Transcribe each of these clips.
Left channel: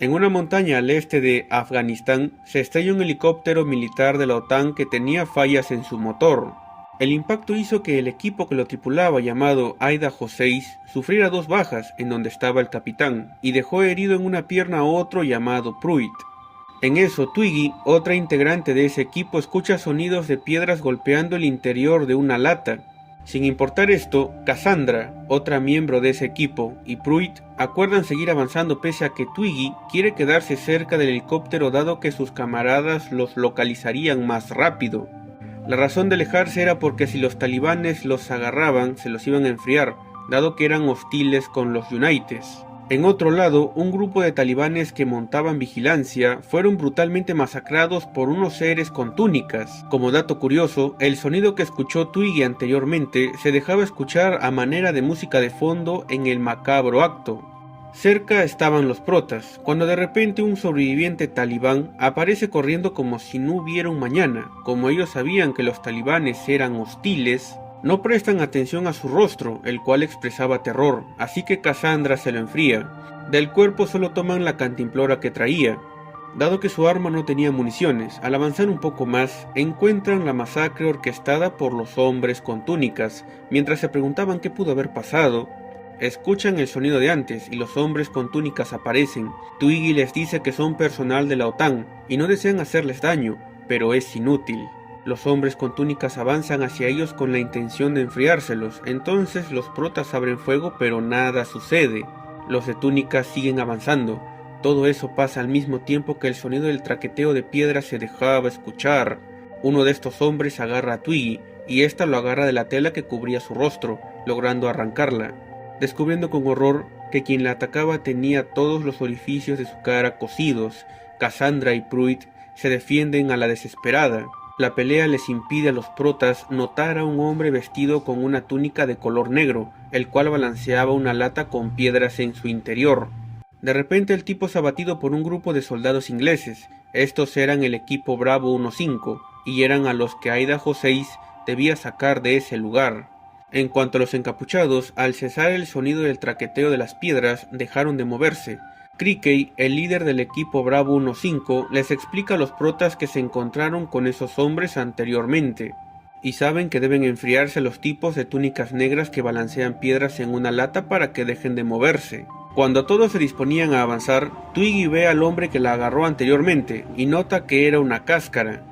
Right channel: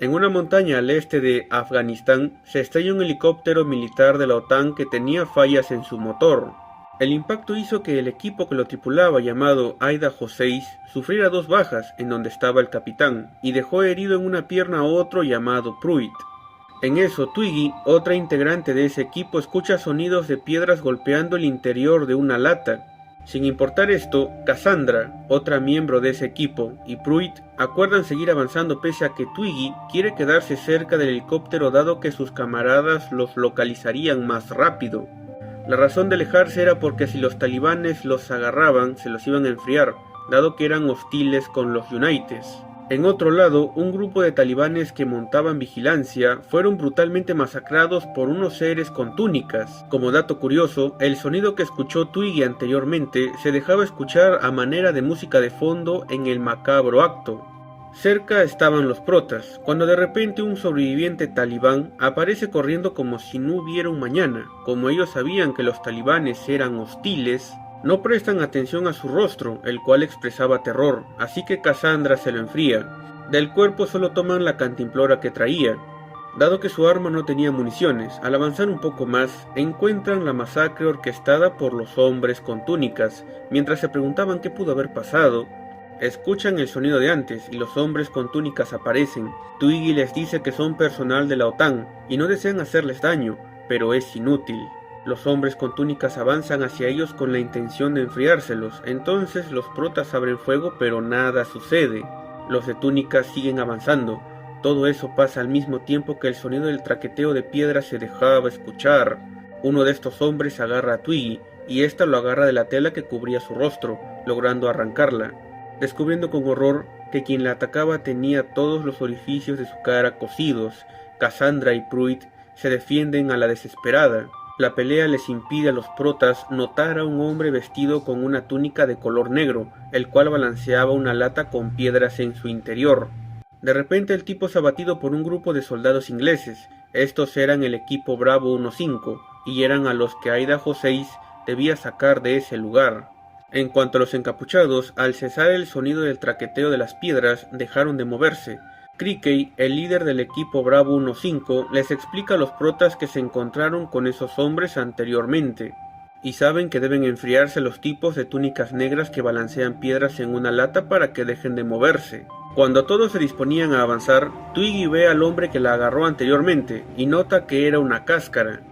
En una montaña al este de Afganistán se estrella un helicóptero militar de la OTAN que tenía fallas en su motor. El impacto hizo que el equipo que lo tripulaba, llamado Idaho 6, sufriera dos bajas, en donde estaba el capitán, y dejó herido en una pierna a otro llamado Pruitt. En eso, Twiggy, otra integrante de ese equipo, escucha sonidos de piedras golpeando el interior de una lata. Sin importar esto, Cassandra, otra miembro de ese equipo, y Pruitt acuerdan seguir avanzando pese a que Twiggy quiere quedarse cerca del helicóptero dado que sus camaradas los localizarían más rápido. La razón de alejarse era porque si los talibanes los agarraban, se los iban a enfriar, dado que eran hostiles con los Unites. En otro lado, un grupo de talibanes que montaban vigilancia fueron brutalmente masacrados por unos seres con túnicas. Como dato curioso, el sonido que escuchó Twiggy anteriormente se dejaba escuchar a manera de música de fondo en el macabro acto. Cerca estaban los protas, cuando de repente un sobreviviente talibán aparece corriendo como si no hubiera un mañana. Como ellos sabían que los talibanes eran hostiles, no prestan atención a su rostro, el cual expresaba terror, así que Cassandra se lo enfría. Del cuerpo solo toman la cantimplora que traía. Dado que su arma no tenía municiones, al avanzar un poco más, encuentran la masacre orquestada por los hombres con túnicas. Mientras se preguntaban qué pudo haber pasado, escuchan el sonido de antes y los hombres con túnicas aparecen. Twiggy les dice que son personal de la OTAN y no desean hacerles daño, pero es inútil. Los hombres con túnicas avanzan hacia ellos con la intención de enfriárselos, entonces los protas abren fuego pero nada sucede. Los de túnicas siguen avanzando. Todo eso pasa al mismo tiempo que el sonido del traqueteo de piedras se dejaba escuchar. Uno de estos hombres agarra a Twiggy y ésta lo agarra de la tela que cubría su rostro, logrando arrancarla, descubriendo con horror que quien la atacaba tenía todos los orificios de su cara cosidos. Cassandra y Pruitt se defienden a la desesperada. La pelea les impide a los protas notar a un hombre vestido con una túnica de color negro, el cual balanceaba una lata con piedras en su interior. De repente el tipo es abatido por un grupo de soldados ingleses. Estos eran el equipo Bravo 15 y eran a los que Idaho 6 debía sacar de ese lugar. En cuanto a los encapuchados, al cesar el sonido del traqueteo de las piedras, dejaron de moverse. Crickey, el líder del equipo Bravo 15, les explica a los protas que se encontraron con esos hombres anteriormente, y saben que deben enfriarse los tipos de túnicas negras que balancean piedras en una lata para que dejen de moverse. Cuando todos se disponían a avanzar, Twiggy ve al hombre que la agarró anteriormente, y nota que era una cáscara.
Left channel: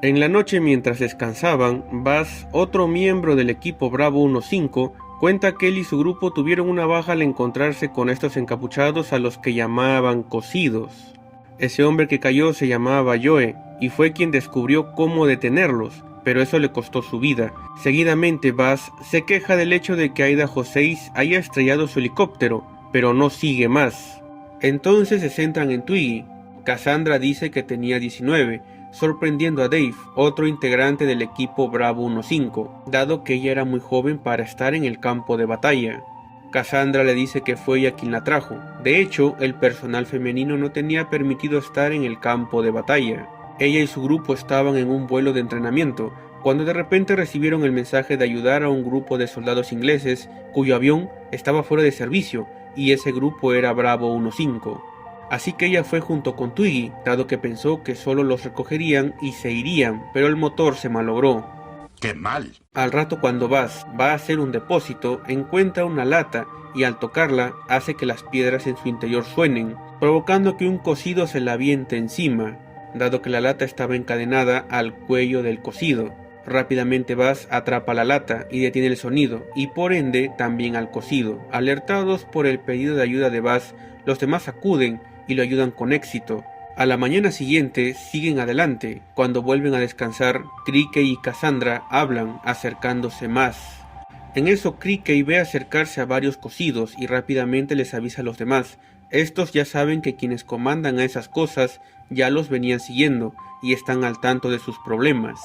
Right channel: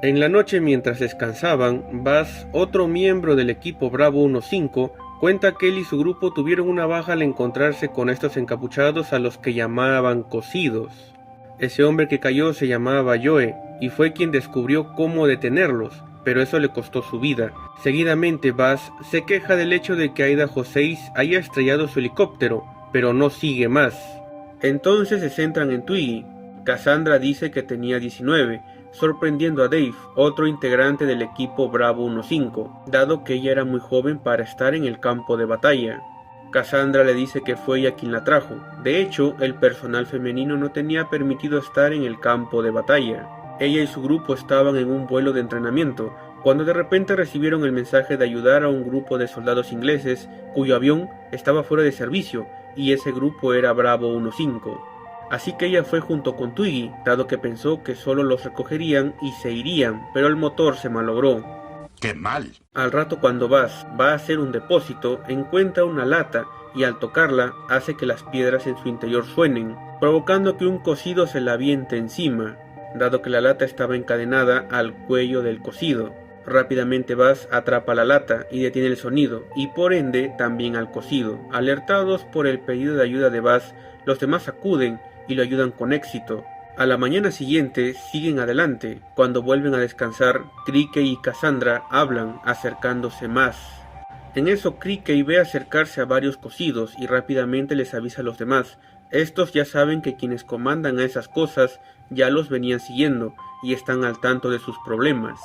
En la noche mientras descansaban, Buzz, otro miembro del equipo Bravo 15, cuenta que él y su grupo tuvieron una baja al encontrarse con estos encapuchados a los que llamaban cosidos. Ese hombre que cayó se llamaba Joe y fue quien descubrió cómo detenerlos, pero eso le costó su vida. Seguidamente Buzz se queja del hecho de que Idaho 6 haya estrellado su helicóptero, pero no sigue más. Entonces se centran en Twiggy. Cassandra dice que tenía 19, sorprendiendo a Dave, otro integrante del equipo Bravo 15, dado que ella era muy joven para estar en el campo de batalla. Cassandra le dice que fue ella quien la trajo. De hecho, el personal femenino no tenía permitido estar en el campo de batalla. Ella y su grupo estaban en un vuelo de entrenamiento, cuando de repente recibieron el mensaje de ayudar a un grupo de soldados ingleses cuyo avión estaba fuera de servicio, y ese grupo era Bravo 15. Así que ella fue junto con Twiggy, dado que pensó que solo los recogerían y se irían, pero el motor se malogró. ¡Qué mal! Al rato, cuando Buzz va a hacer un depósito, encuentra una lata y al tocarla hace que las piedras en su interior suenen, provocando que un cosido se la aviente encima, dado que la lata estaba encadenada al cuello del cosido. Rápidamente Buzz atrapa la lata y detiene el sonido, y por ende también al cosido. Alertados por el pedido de ayuda de Buzz, los demás acuden y lo ayudan con éxito. A la mañana siguiente siguen adelante. Cuando vuelven a descansar, Crickey y Cassandra hablan, acercándose más. En eso Crickey ve acercarse a varios cosidos y rápidamente les avisa a los demás. Estos ya saben que quienes comandan a esas cosas ya los venían siguiendo y están al tanto de sus problemas.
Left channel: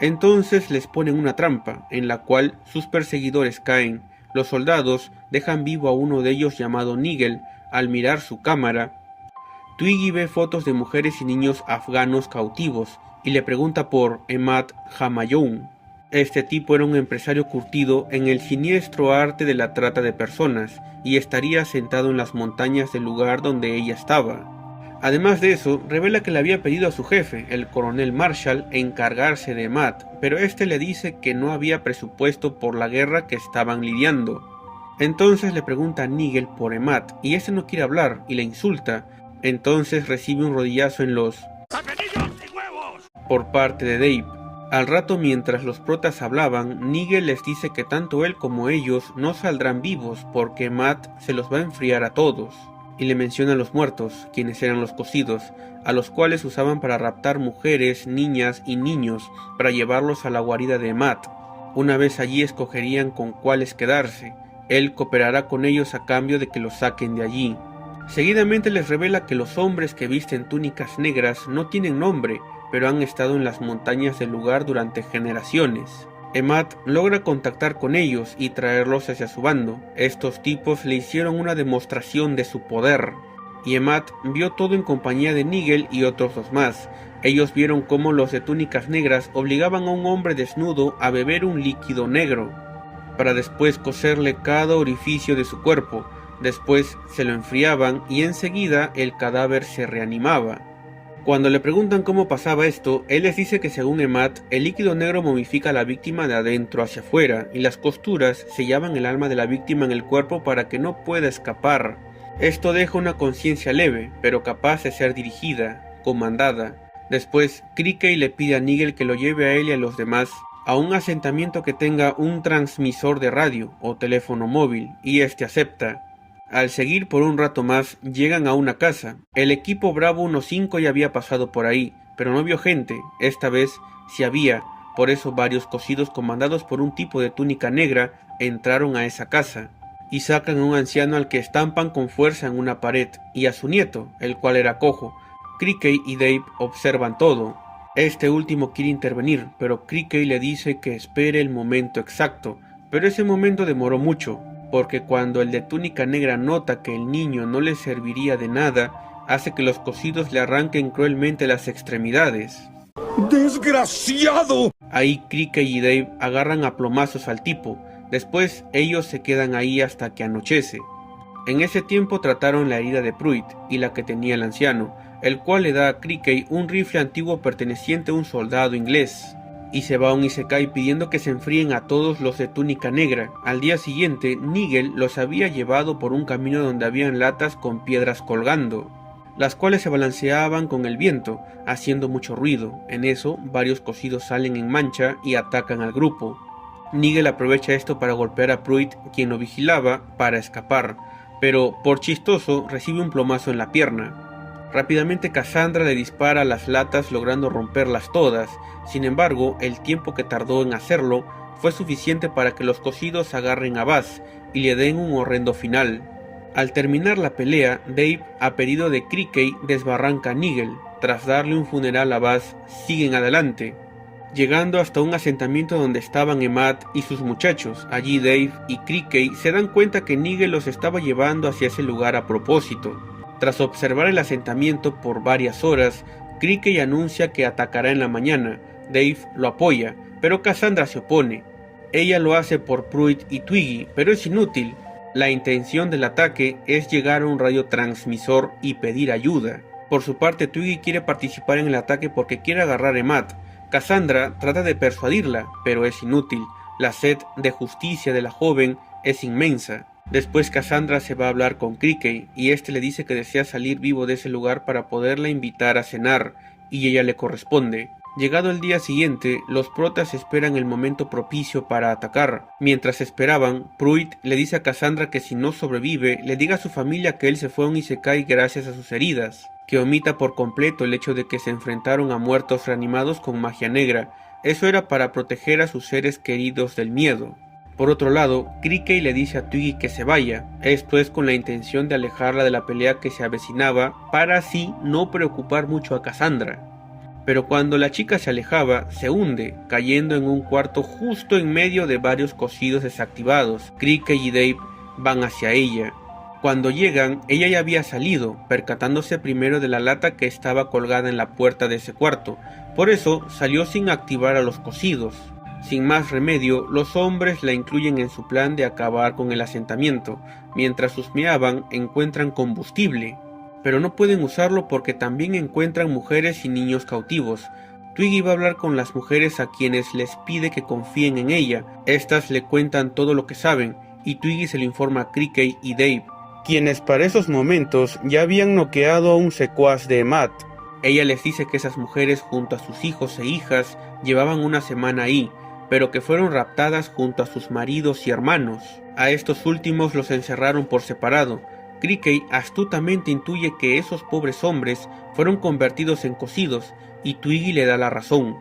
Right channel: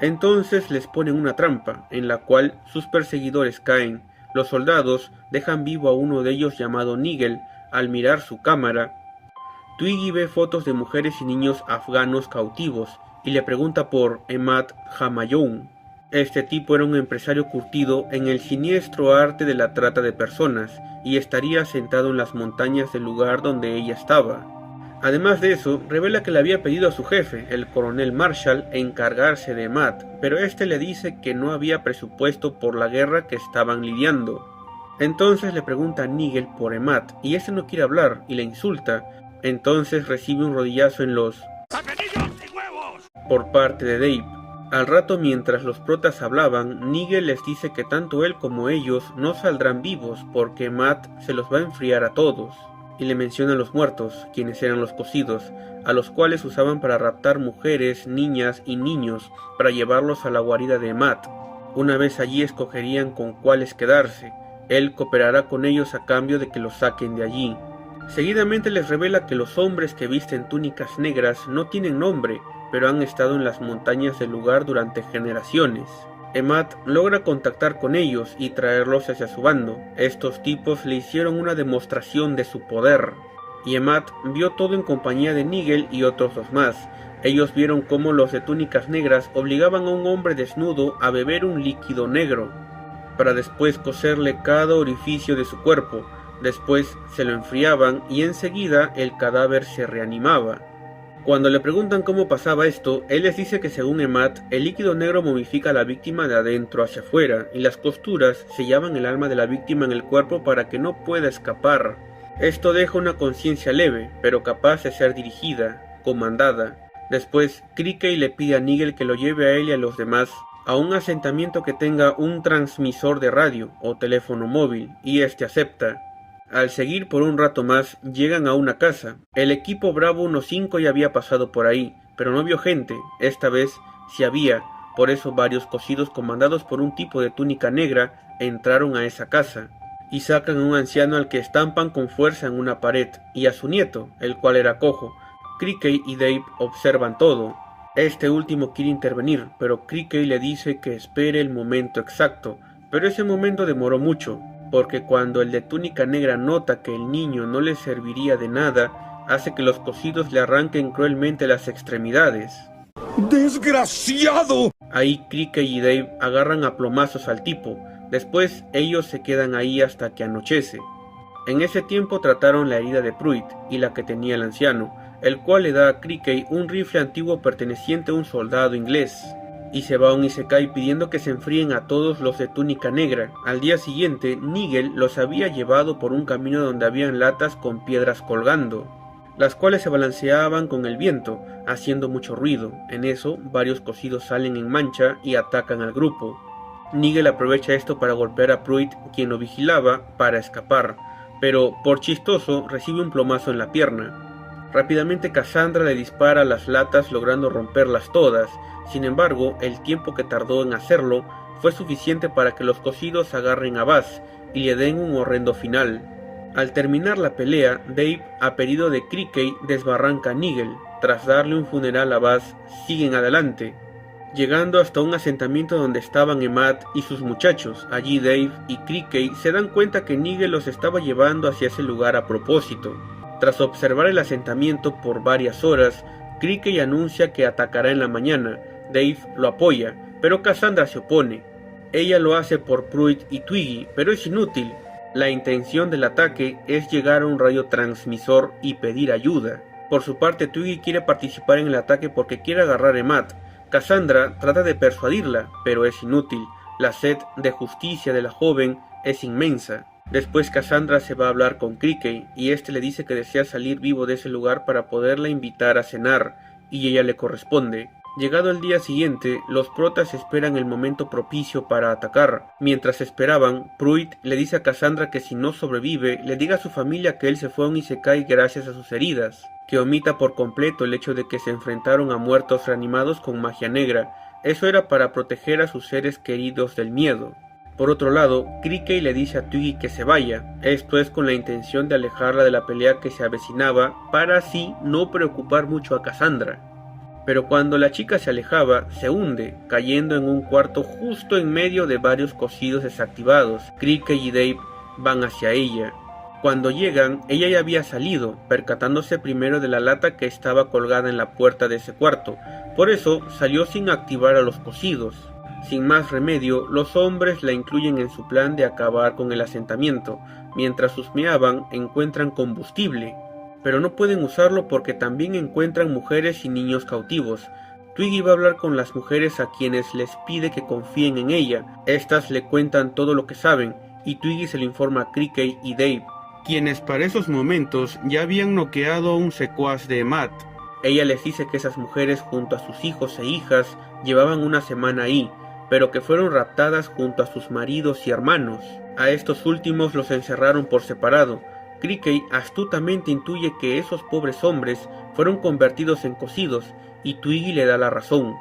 Entonces les ponen una trampa, en la cual sus perseguidores caen. Los soldados dejan vivo a uno de ellos llamado Nigel. Al mirar su cámara, Twiggy ve fotos de mujeres y niños afganos cautivos y le pregunta por Emad Hamayoun. Este tipo era un empresario curtido en el siniestro arte de la trata de personas y estaría sentado en las montañas del lugar donde ella estaba. Además de eso, revela que le había pedido a su jefe, el coronel Marshall, encargarse de Matt, pero este le dice que no había presupuesto por la guerra que estaban lidiando. Entonces le pregunta a Nigel por Emad, y este no quiere hablar y le insulta. Entonces recibe un rodillazo en los por parte de Dave. Al rato, mientras los protas hablaban, Nigel les dice que tanto él como ellos no saldrán vivos porque Matt se los va a enfriar a todos, y le menciona a los muertos, quienes eran los cocidos, a los cuales usaban para raptar mujeres, niñas y niños para llevarlos a la guarida de Matt. Una vez allí escogerían con cuáles quedarse. Él cooperará con ellos a cambio de que los saquen de allí. Seguidamente les revela que los hombres que visten túnicas negras no tienen nombre, pero han estado en las montañas del lugar durante generaciones. Emad logra contactar con ellos y traerlos hacia su bando. Estos tipos le hicieron una demostración de su poder, y Emad vio todo en compañía de Nigel y otros dos más. Ellos vieron cómo los de túnicas negras obligaban a un hombre desnudo a beber un líquido negro, para después coserle cada orificio de su cuerpo. Después se lo enfriaban y enseguida el cadáver se reanimaba. Cuando le preguntan cómo pasaba esto, él les dice que según Emad, el líquido negro momifica a la víctima de adentro hacia afuera, y las costuras sellaban el alma de la víctima en el cuerpo para que no pueda escapar. Esto deja una conciencia leve, pero capaz de ser dirigida, comandada. Después, Crickey le pide a Nigel que lo lleve a él y a los demás a un asentamiento que tenga un transmisor de radio o teléfono móvil, y este acepta. Al seguir por un rato más, llegan a una casa. El equipo Bravo 15 ya había pasado por ahí, pero no vio gente. Esta vez sí había, por eso varios cocidos comandados por un tipo de túnica negra entraron a esa casa, y sacan a un anciano al que estampan con fuerza en una pared, y a su nieto, el cual era cojo. Crickey y Dave observan todo. Este último quiere intervenir, pero Crickey le dice que espere el momento exacto, pero ese momento demoró mucho, porque cuando el de túnica negra nota que el niño no le serviría de nada, hace que los cocidos le arranquen cruelmente las extremidades. ¡Desgraciado! Ahí Crickey y Dave agarran a plomazos al tipo. Después ellos se quedan ahí hasta que anochece. En ese tiempo trataron la herida de Pruitt y la que tenía el anciano, el cual le da a Crickey un rifle antiguo perteneciente a un soldado inglés, y se va a un isekai pidiendo que se enfríen a todos los de túnica negra. Al día siguiente, Nigel los había llevado por un camino donde habían latas con piedras colgando, las cuales se balanceaban con el viento, haciendo mucho ruido. En eso, varios cocidos salen en mancha y atacan al grupo. Nigel aprovecha esto para golpear a Pruitt, quien lo vigilaba, para escapar, pero por chistoso recibe un plomazo en la pierna. Rápidamente Cassandra le dispara a las latas logrando romperlas todas. Sin embargo, el tiempo que tardó en hacerlo fue suficiente para que los cocidos agarren a Buzz y le den un horrendo final. Al terminar la pelea, Dave, a pedido de Crickey, desbarranca a Nigel. Tras darle un funeral a Buzz, siguen adelante, llegando hasta un asentamiento donde estaban Emad y sus muchachos. Allí Dave y Crickey se dan cuenta que Nigel los estaba llevando hacia ese lugar a propósito. Tras observar el asentamiento por varias horas, Crickey anuncia que atacará en la mañana. Dave lo apoya, pero Cassandra se opone. Ella lo hace por Pruitt y Twiggy, pero es inútil. La intención del ataque es llegar a un radiotransmisor y pedir ayuda. Por su parte, Twiggy quiere participar en el ataque porque quiere agarrar a Emad. Cassandra trata de persuadirla, pero es inútil. La sed de justicia de la joven es inmensa. Después Cassandra se va a hablar con Crickey, y este le dice que desea salir vivo de ese lugar para poderla invitar a cenar, y ella le corresponde. Llegado el día siguiente, los protas esperan el momento propicio para atacar. Mientras esperaban, Pruitt le dice a Cassandra que si no sobrevive, le diga a su familia que él se fue a un isekai gracias a sus heridas, que omita por completo el hecho de que se enfrentaron a muertos reanimados con magia negra. Eso era para proteger a sus seres queridos del miedo. Por otro lado, Crickey le dice a Twiggy que se vaya, esto es con la intención de alejarla de la pelea que se avecinaba para así no preocupar mucho a Cassandra. Pero cuando la chica se alejaba, se hunde, cayendo en un cuarto justo en medio de varios cocidos desactivados. Crickey y Dave van hacia ella. Cuando llegan, ella ya había salido, percatándose primero de la lata que estaba colgada en la puerta de ese cuarto, por eso salió sin activar a los cocidos. Sin más remedio, los hombres la incluyen en su plan de acabar con el asentamiento. Mientras husmeaban, encuentran combustible. pero no pueden usarlo porque también encuentran mujeres y niños cautivos. Twiggy va a hablar con las mujeres a quienes les pide que confíen en ella. Estas le cuentan todo lo que saben, y Twiggy se lo informa a Crickey y Dave, quienes para esos momentos ya habían noqueado a un secuaz de Matt. Ella les dice que esas mujeres junto a sus hijos e hijas llevaban una semana ahí, pero que fueron raptadas junto a sus maridos y hermanos. A estos últimos los encerraron por separado. Crickey astutamente intuye que esos pobres hombres fueron convertidos en cocidos, y Twiggy le da la razón.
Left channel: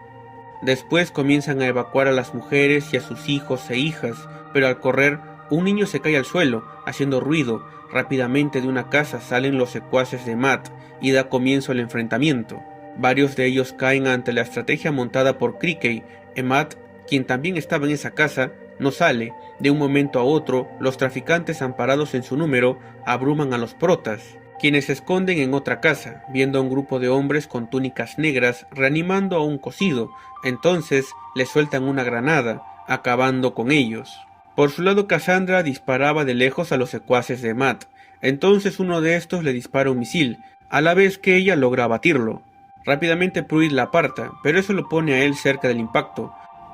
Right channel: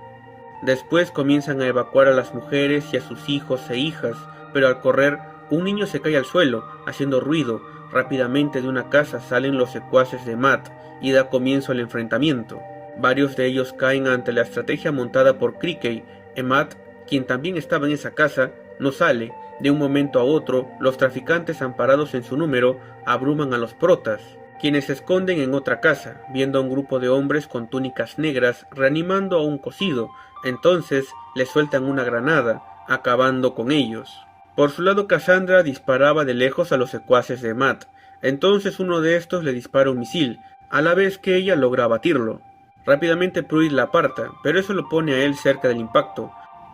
Después comienzan a evacuar a las mujeres y a sus hijos e hijas, pero al correr, un niño se cae al suelo, haciendo ruido. Rápidamente de una casa salen los secuaces de Matt, y da comienzo el enfrentamiento. Varios de ellos caen ante la estrategia montada por Crickey. Matt, quien también estaba en esa casa, no sale. De un momento a otro, los traficantes amparados en su número abruman a los protas, quienes se esconden en otra casa, viendo a un grupo de hombres con túnicas negras reanimando a un cocido. Entonces le sueltan una granada, acabando con ellos. Por su lado, Cassandra disparaba de lejos a los secuaces de Matt. Entonces uno de estos le dispara un misil, a la vez que ella logra abatirlo. Rápidamente Pruitt la aparta, pero eso lo pone a él cerca del impacto.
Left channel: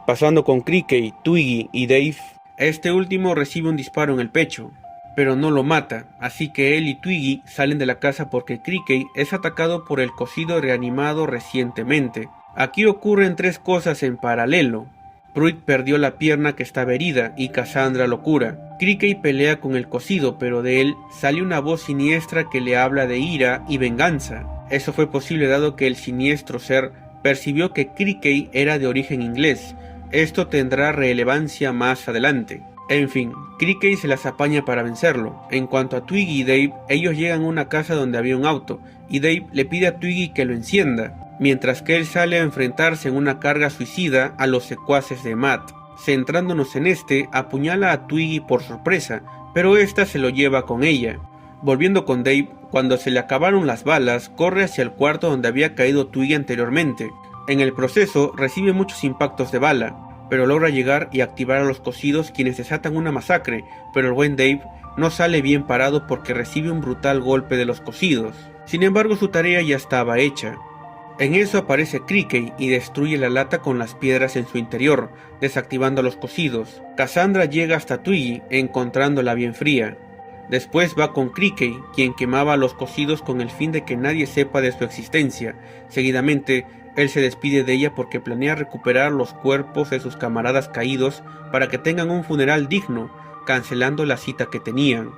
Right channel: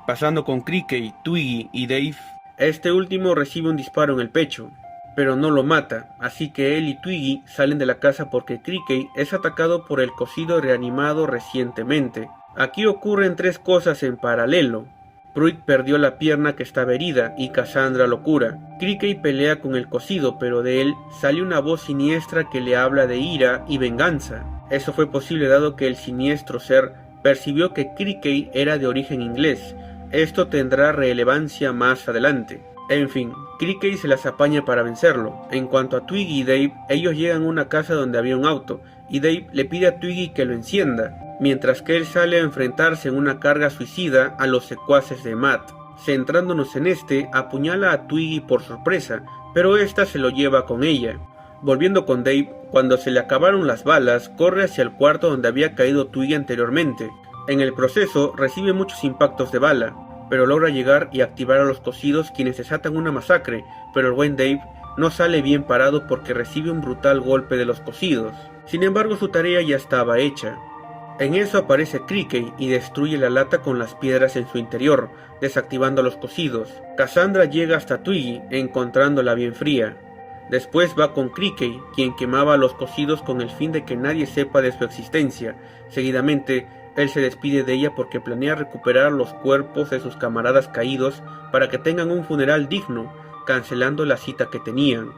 Pasando con Crickey, Twiggy y Dave, este último recibe un disparo en el pecho, pero no lo mata, así que él y Twiggy salen de la casa porque Crickey es atacado por el cocido reanimado recientemente. Aquí ocurren tres cosas en paralelo. Pruitt perdió la pierna que estaba herida y Cassandra lo cura. Crickey pelea con el cocido, pero de él sale una voz siniestra que le habla de ira y venganza. Eso fue posible dado que el siniestro ser percibió que Crickey era de origen inglés. Esto tendrá relevancia más adelante. En fin, Crickey se las apaña para vencerlo. En cuanto a Twiggy y Dave, ellos llegan a una casa donde había un auto, y Dave le pide a Twiggy que lo encienda, mientras que él sale a enfrentarse en una carga suicida a los secuaces de Matt. Centrándonos en este, apuñala a Twiggy por sorpresa, pero esta se lo lleva con ella. Volviendo con Dave, cuando se le acabaron las balas, corre hacia el cuarto donde había caído Twiggy anteriormente. En el proceso, recibe muchos impactos de bala, pero logra llegar y activar a los cocidos, quienes desatan una masacre, pero el buen Dave no sale bien parado porque recibe un brutal golpe de los cocidos. Sin embargo, su tarea ya estaba hecha. En eso aparece Crickey y destruye la lata con las piedras en su interior, desactivando a los cocidos. Cassandra llega hasta Twiggy, encontrándola bien fría. Después va con Crickey, quien quemaba a los cocidos con el fin de que nadie sepa de su existencia. Seguidamente, él se despide de ella porque planea recuperar los cuerpos de sus camaradas caídos para que tengan un funeral digno, cancelando la cita que tenían.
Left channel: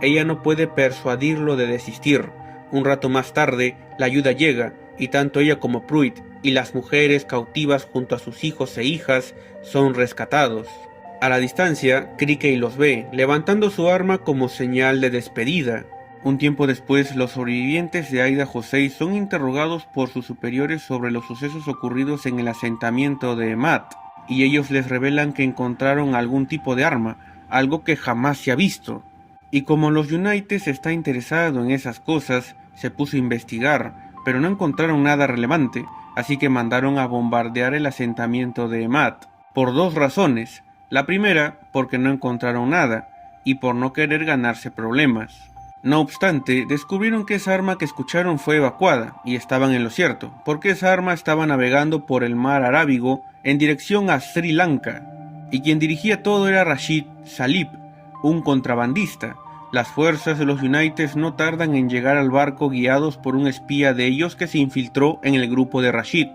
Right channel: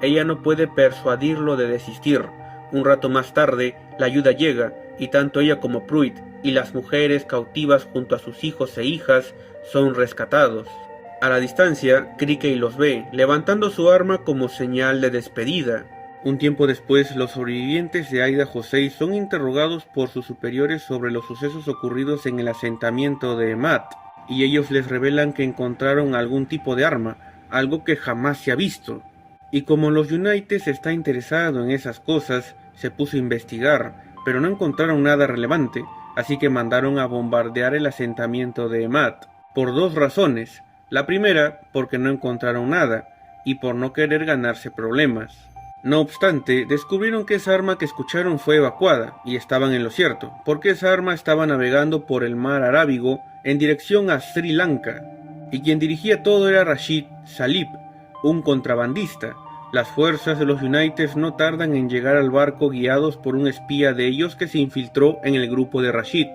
Ella no puede persuadirlo de desistir. Un rato más tarde, la ayuda llega, y tanto ella como Pruitt y las mujeres cautivas junto a sus hijos e hijas son rescatados. A la distancia, Crickey los ve, levantando su arma como señal de despedida. Un tiempo después, los sobrevivientes de Aida José son interrogados por sus superiores sobre los sucesos ocurridos en el asentamiento de Matt, y ellos les revelan que encontraron algún tipo de arma, algo que jamás se ha visto. Y como los United está interesado en esas cosas, se puso a investigar, pero no encontraron nada relevante, así que mandaron a bombardear el asentamiento de Matt, por dos razones. La primera, porque no encontraron nada, y por no querer ganarse problemas. No obstante, descubrieron que esa arma que escucharon fue evacuada, y estaban en lo cierto, porque esa arma estaba navegando por el mar Arábigo en dirección a Sri Lanka, y quien dirigía todo era Rashid Salib, un contrabandista. Las fuerzas de los United no tardan en llegar al barco guiados por un espía de ellos que se infiltró en el grupo de Rashid.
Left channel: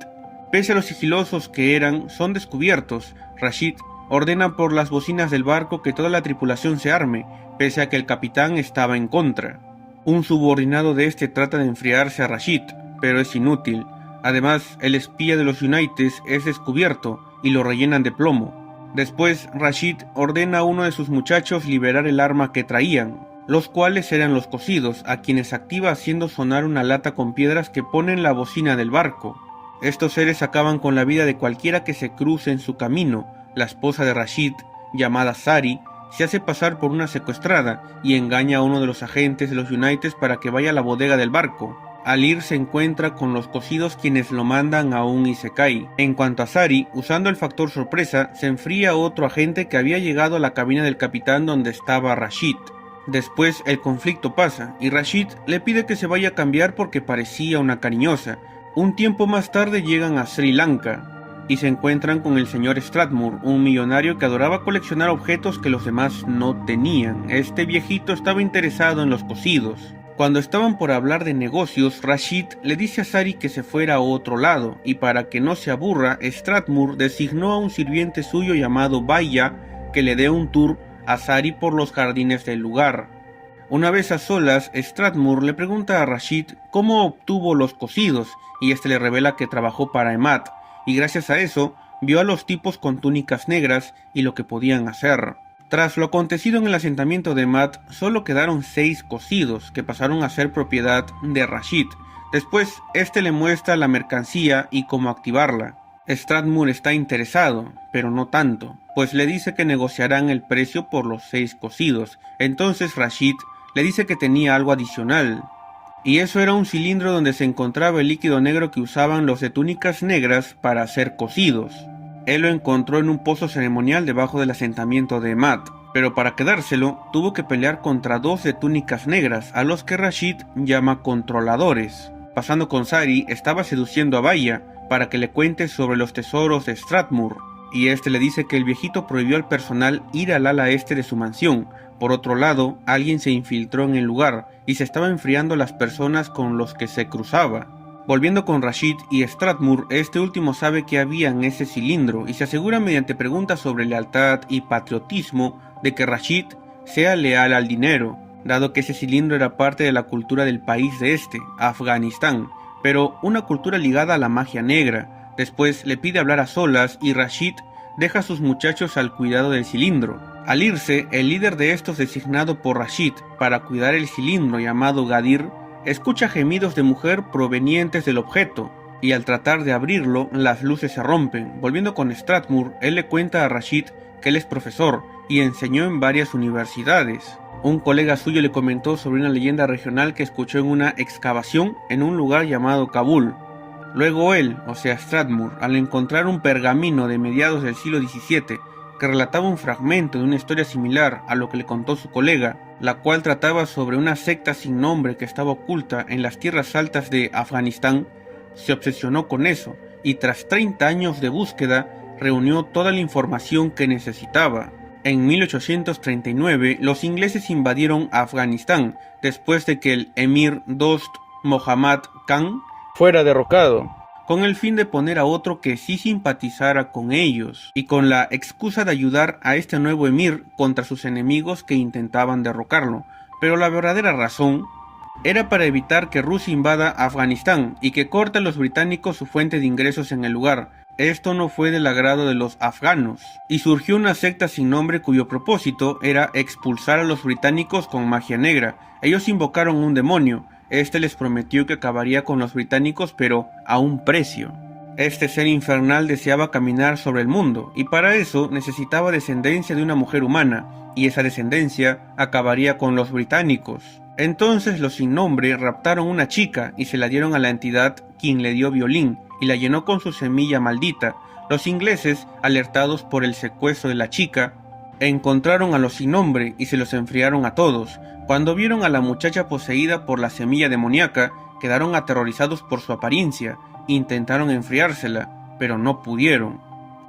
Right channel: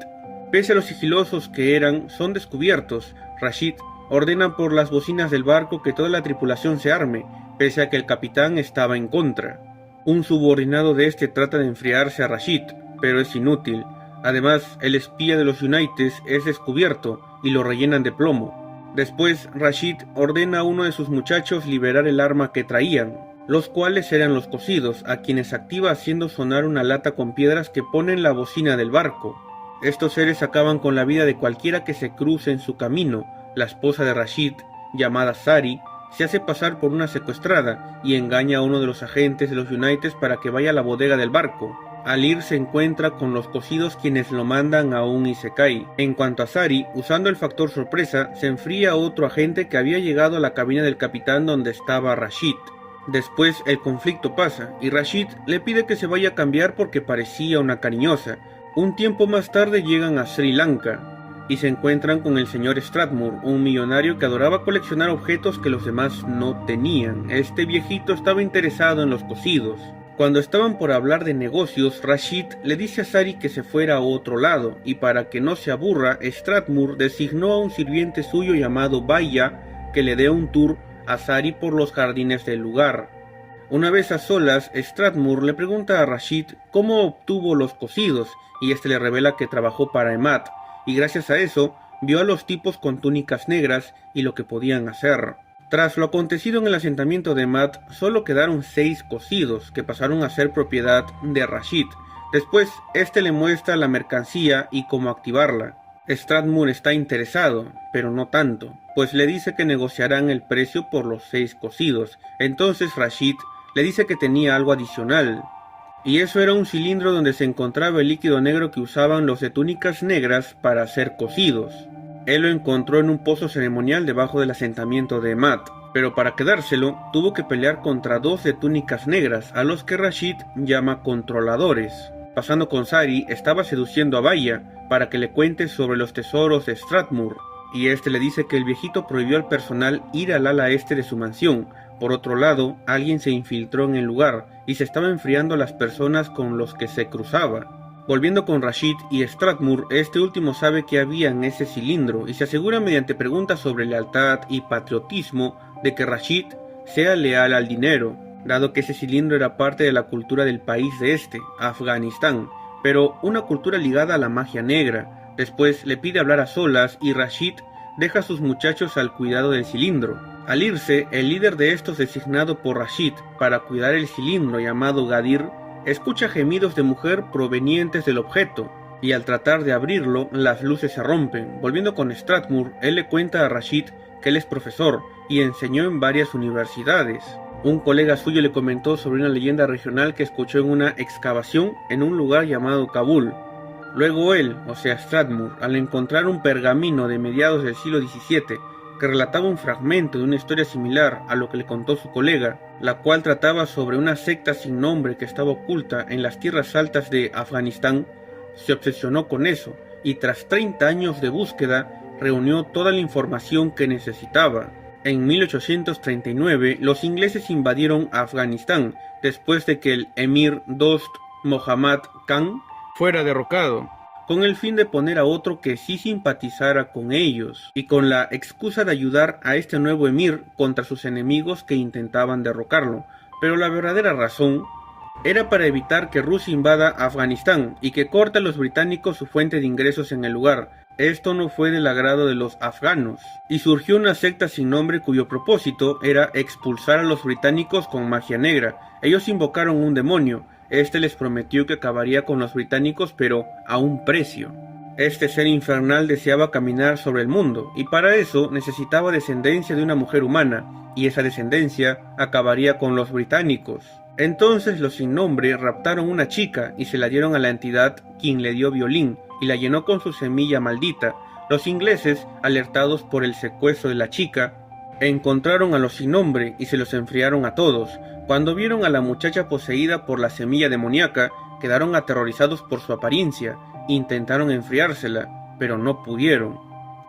Pese a lo sigilosos que eran, son descubiertos. Rashid ordena por las bocinas del barco que toda la tripulación se arme, pese a que el capitán estaba en contra. Un subordinado de este trata de enfriarse a Rashid, pero es inútil. Además, el espía de los United es descubierto y lo rellenan de plomo. Después, Rashid ordena a uno de sus muchachos liberar el arma que traían, los cuales eran los cocidos, a quienes activa haciendo sonar una lata con piedras que pone en la bocina del barco. Estos seres acaban con la vida de cualquiera que se cruce en su camino. La esposa de Rashid, llamada Sari, se hace pasar por una secuestrada y engaña a uno de los agentes de los United para que vaya a la bodega del barco. Al ir se encuentra con los cocidos, quienes lo mandan a un isekai. En cuanto a Sari, usando el factor sorpresa, se enfría a otro agente que había llegado a la cabina del capitán donde estaba Rashid. Después el conflicto pasa y Rashid le pide que se vaya a cambiar porque parecía una cariñosa. Un tiempo más tarde llegan a Sri Lanka y se encuentran con el señor Strathmore, un millonario que adoraba coleccionar objetos que los demás no tenían. Este viejito estaba interesado en los cosidos. Cuando estaban por hablar de negocios, Rashid le dice a Sari que se fuera a otro lado, y para que no se aburra, Strathmore designó a un sirviente suyo llamado Baya que le dé un tour a Sari por los jardines del lugar. Una vez a solas, Strathmore le pregunta a Rashid cómo obtuvo los cosidos, y este le revela que trabajó para Emad, y gracias a eso vio a los tipos con túnicas negras y lo que podían hacer. Tras lo acontecido en el asentamiento de Emad, solo quedaron 6 cosidos que pasaron a ser propiedad de Rashid. Después, este le muestra la mercancía y cómo activarla. Strathmore está interesado, pero no tanto, pues le dice que negociarán el precio por los 6 cosidos. Entonces Rashid le dice que tenía algo adicional, y eso era un cilindro donde se encontraba el líquido negro que usaban los de túnicas negras para hacer cosidos. Él lo encontró en un pozo ceremonial debajo del asentamiento de Emad, pero para quedárselo tuvo que pelear contra 2 de túnicas negras, a los que Rashid llama controladores. Pasando con Sari, estaba seduciendo a Baya para que le cuente sobre los tesoros de Strathmore, y este le dice que el viejito prohibió al personal ir al ala este de su mansión. Por otro lado, alguien se infiltró en el lugar y se estaba enfriando las personas con los que se cruzaba. Volviendo con Rashid y Strathmore, este último sabe que había en ese cilindro y se asegura mediante preguntas sobre lealtad y patriotismo de que Rashid sea leal al dinero, dado que ese cilindro era parte de la cultura del país de este, Afganistán, pero una cultura ligada a la magia negra. Después le pide hablar a solas y Rashid deja a sus muchachos al cuidado del cilindro. Al irse, el líder de estos designado por Rashid para cuidar el cilindro, llamado Gadir, escucha gemidos de mujer provenientes del objeto, y al tratar de abrirlo, las luces se rompen. Volviendo con Strathmore, él le cuenta a Rashid que él es profesor y enseñó en varias universidades. Un colega suyo le comentó sobre una leyenda regional que escuchó en una excavación en un lugar llamado Kabul. Luego él, o sea Strathmore, al encontrar un pergamino de mediados del siglo XVII que relataba un fragmento de una historia similar a lo que le contó su colega, la cual trataba sobre una secta sin nombre que estaba oculta en las tierras altas de Afganistán, se obsesionó con eso y tras 30 años de búsqueda reunió toda la información que necesitaba. En 1839 los ingleses invadieron Afganistán después de que el emir Dost Muhammad Khan fuera derrocado, con el fin de poner a otro que sí simpatizara con ellos, y con la excusa de ayudar a este nuevo emir contra sus enemigos que intentaban derrocarlo. Pero la verdadera razón era para evitar que Rusia invada Afganistán y que corte a los británicos su fuente de ingresos en el lugar. Esto no fue del agrado de los afganos, y surgió una secta sin nombre cuyo propósito era expulsar a los británicos con magia negra. Ellos invocaron un demonio. Este les prometió que acabaría con los británicos, pero a un precio. Este ser infernal deseaba caminar sobre el mundo, y para eso necesitaba descendencia de una mujer humana, y esa descendencia acabaría con los británicos. Entonces los sin nombre raptaron una chica y se la dieron a la entidad, quien le dio violín y la llenó con su semilla maldita. Los ingleses, alertados por el secuestro de la chica, encontraron a los sin nombre y se los enfriaron a todos. Cuando vieron a la muchacha poseída por la semilla demoníaca, quedaron aterrorizados por su apariencia. Intentaron enfriársela, pero no pudieron.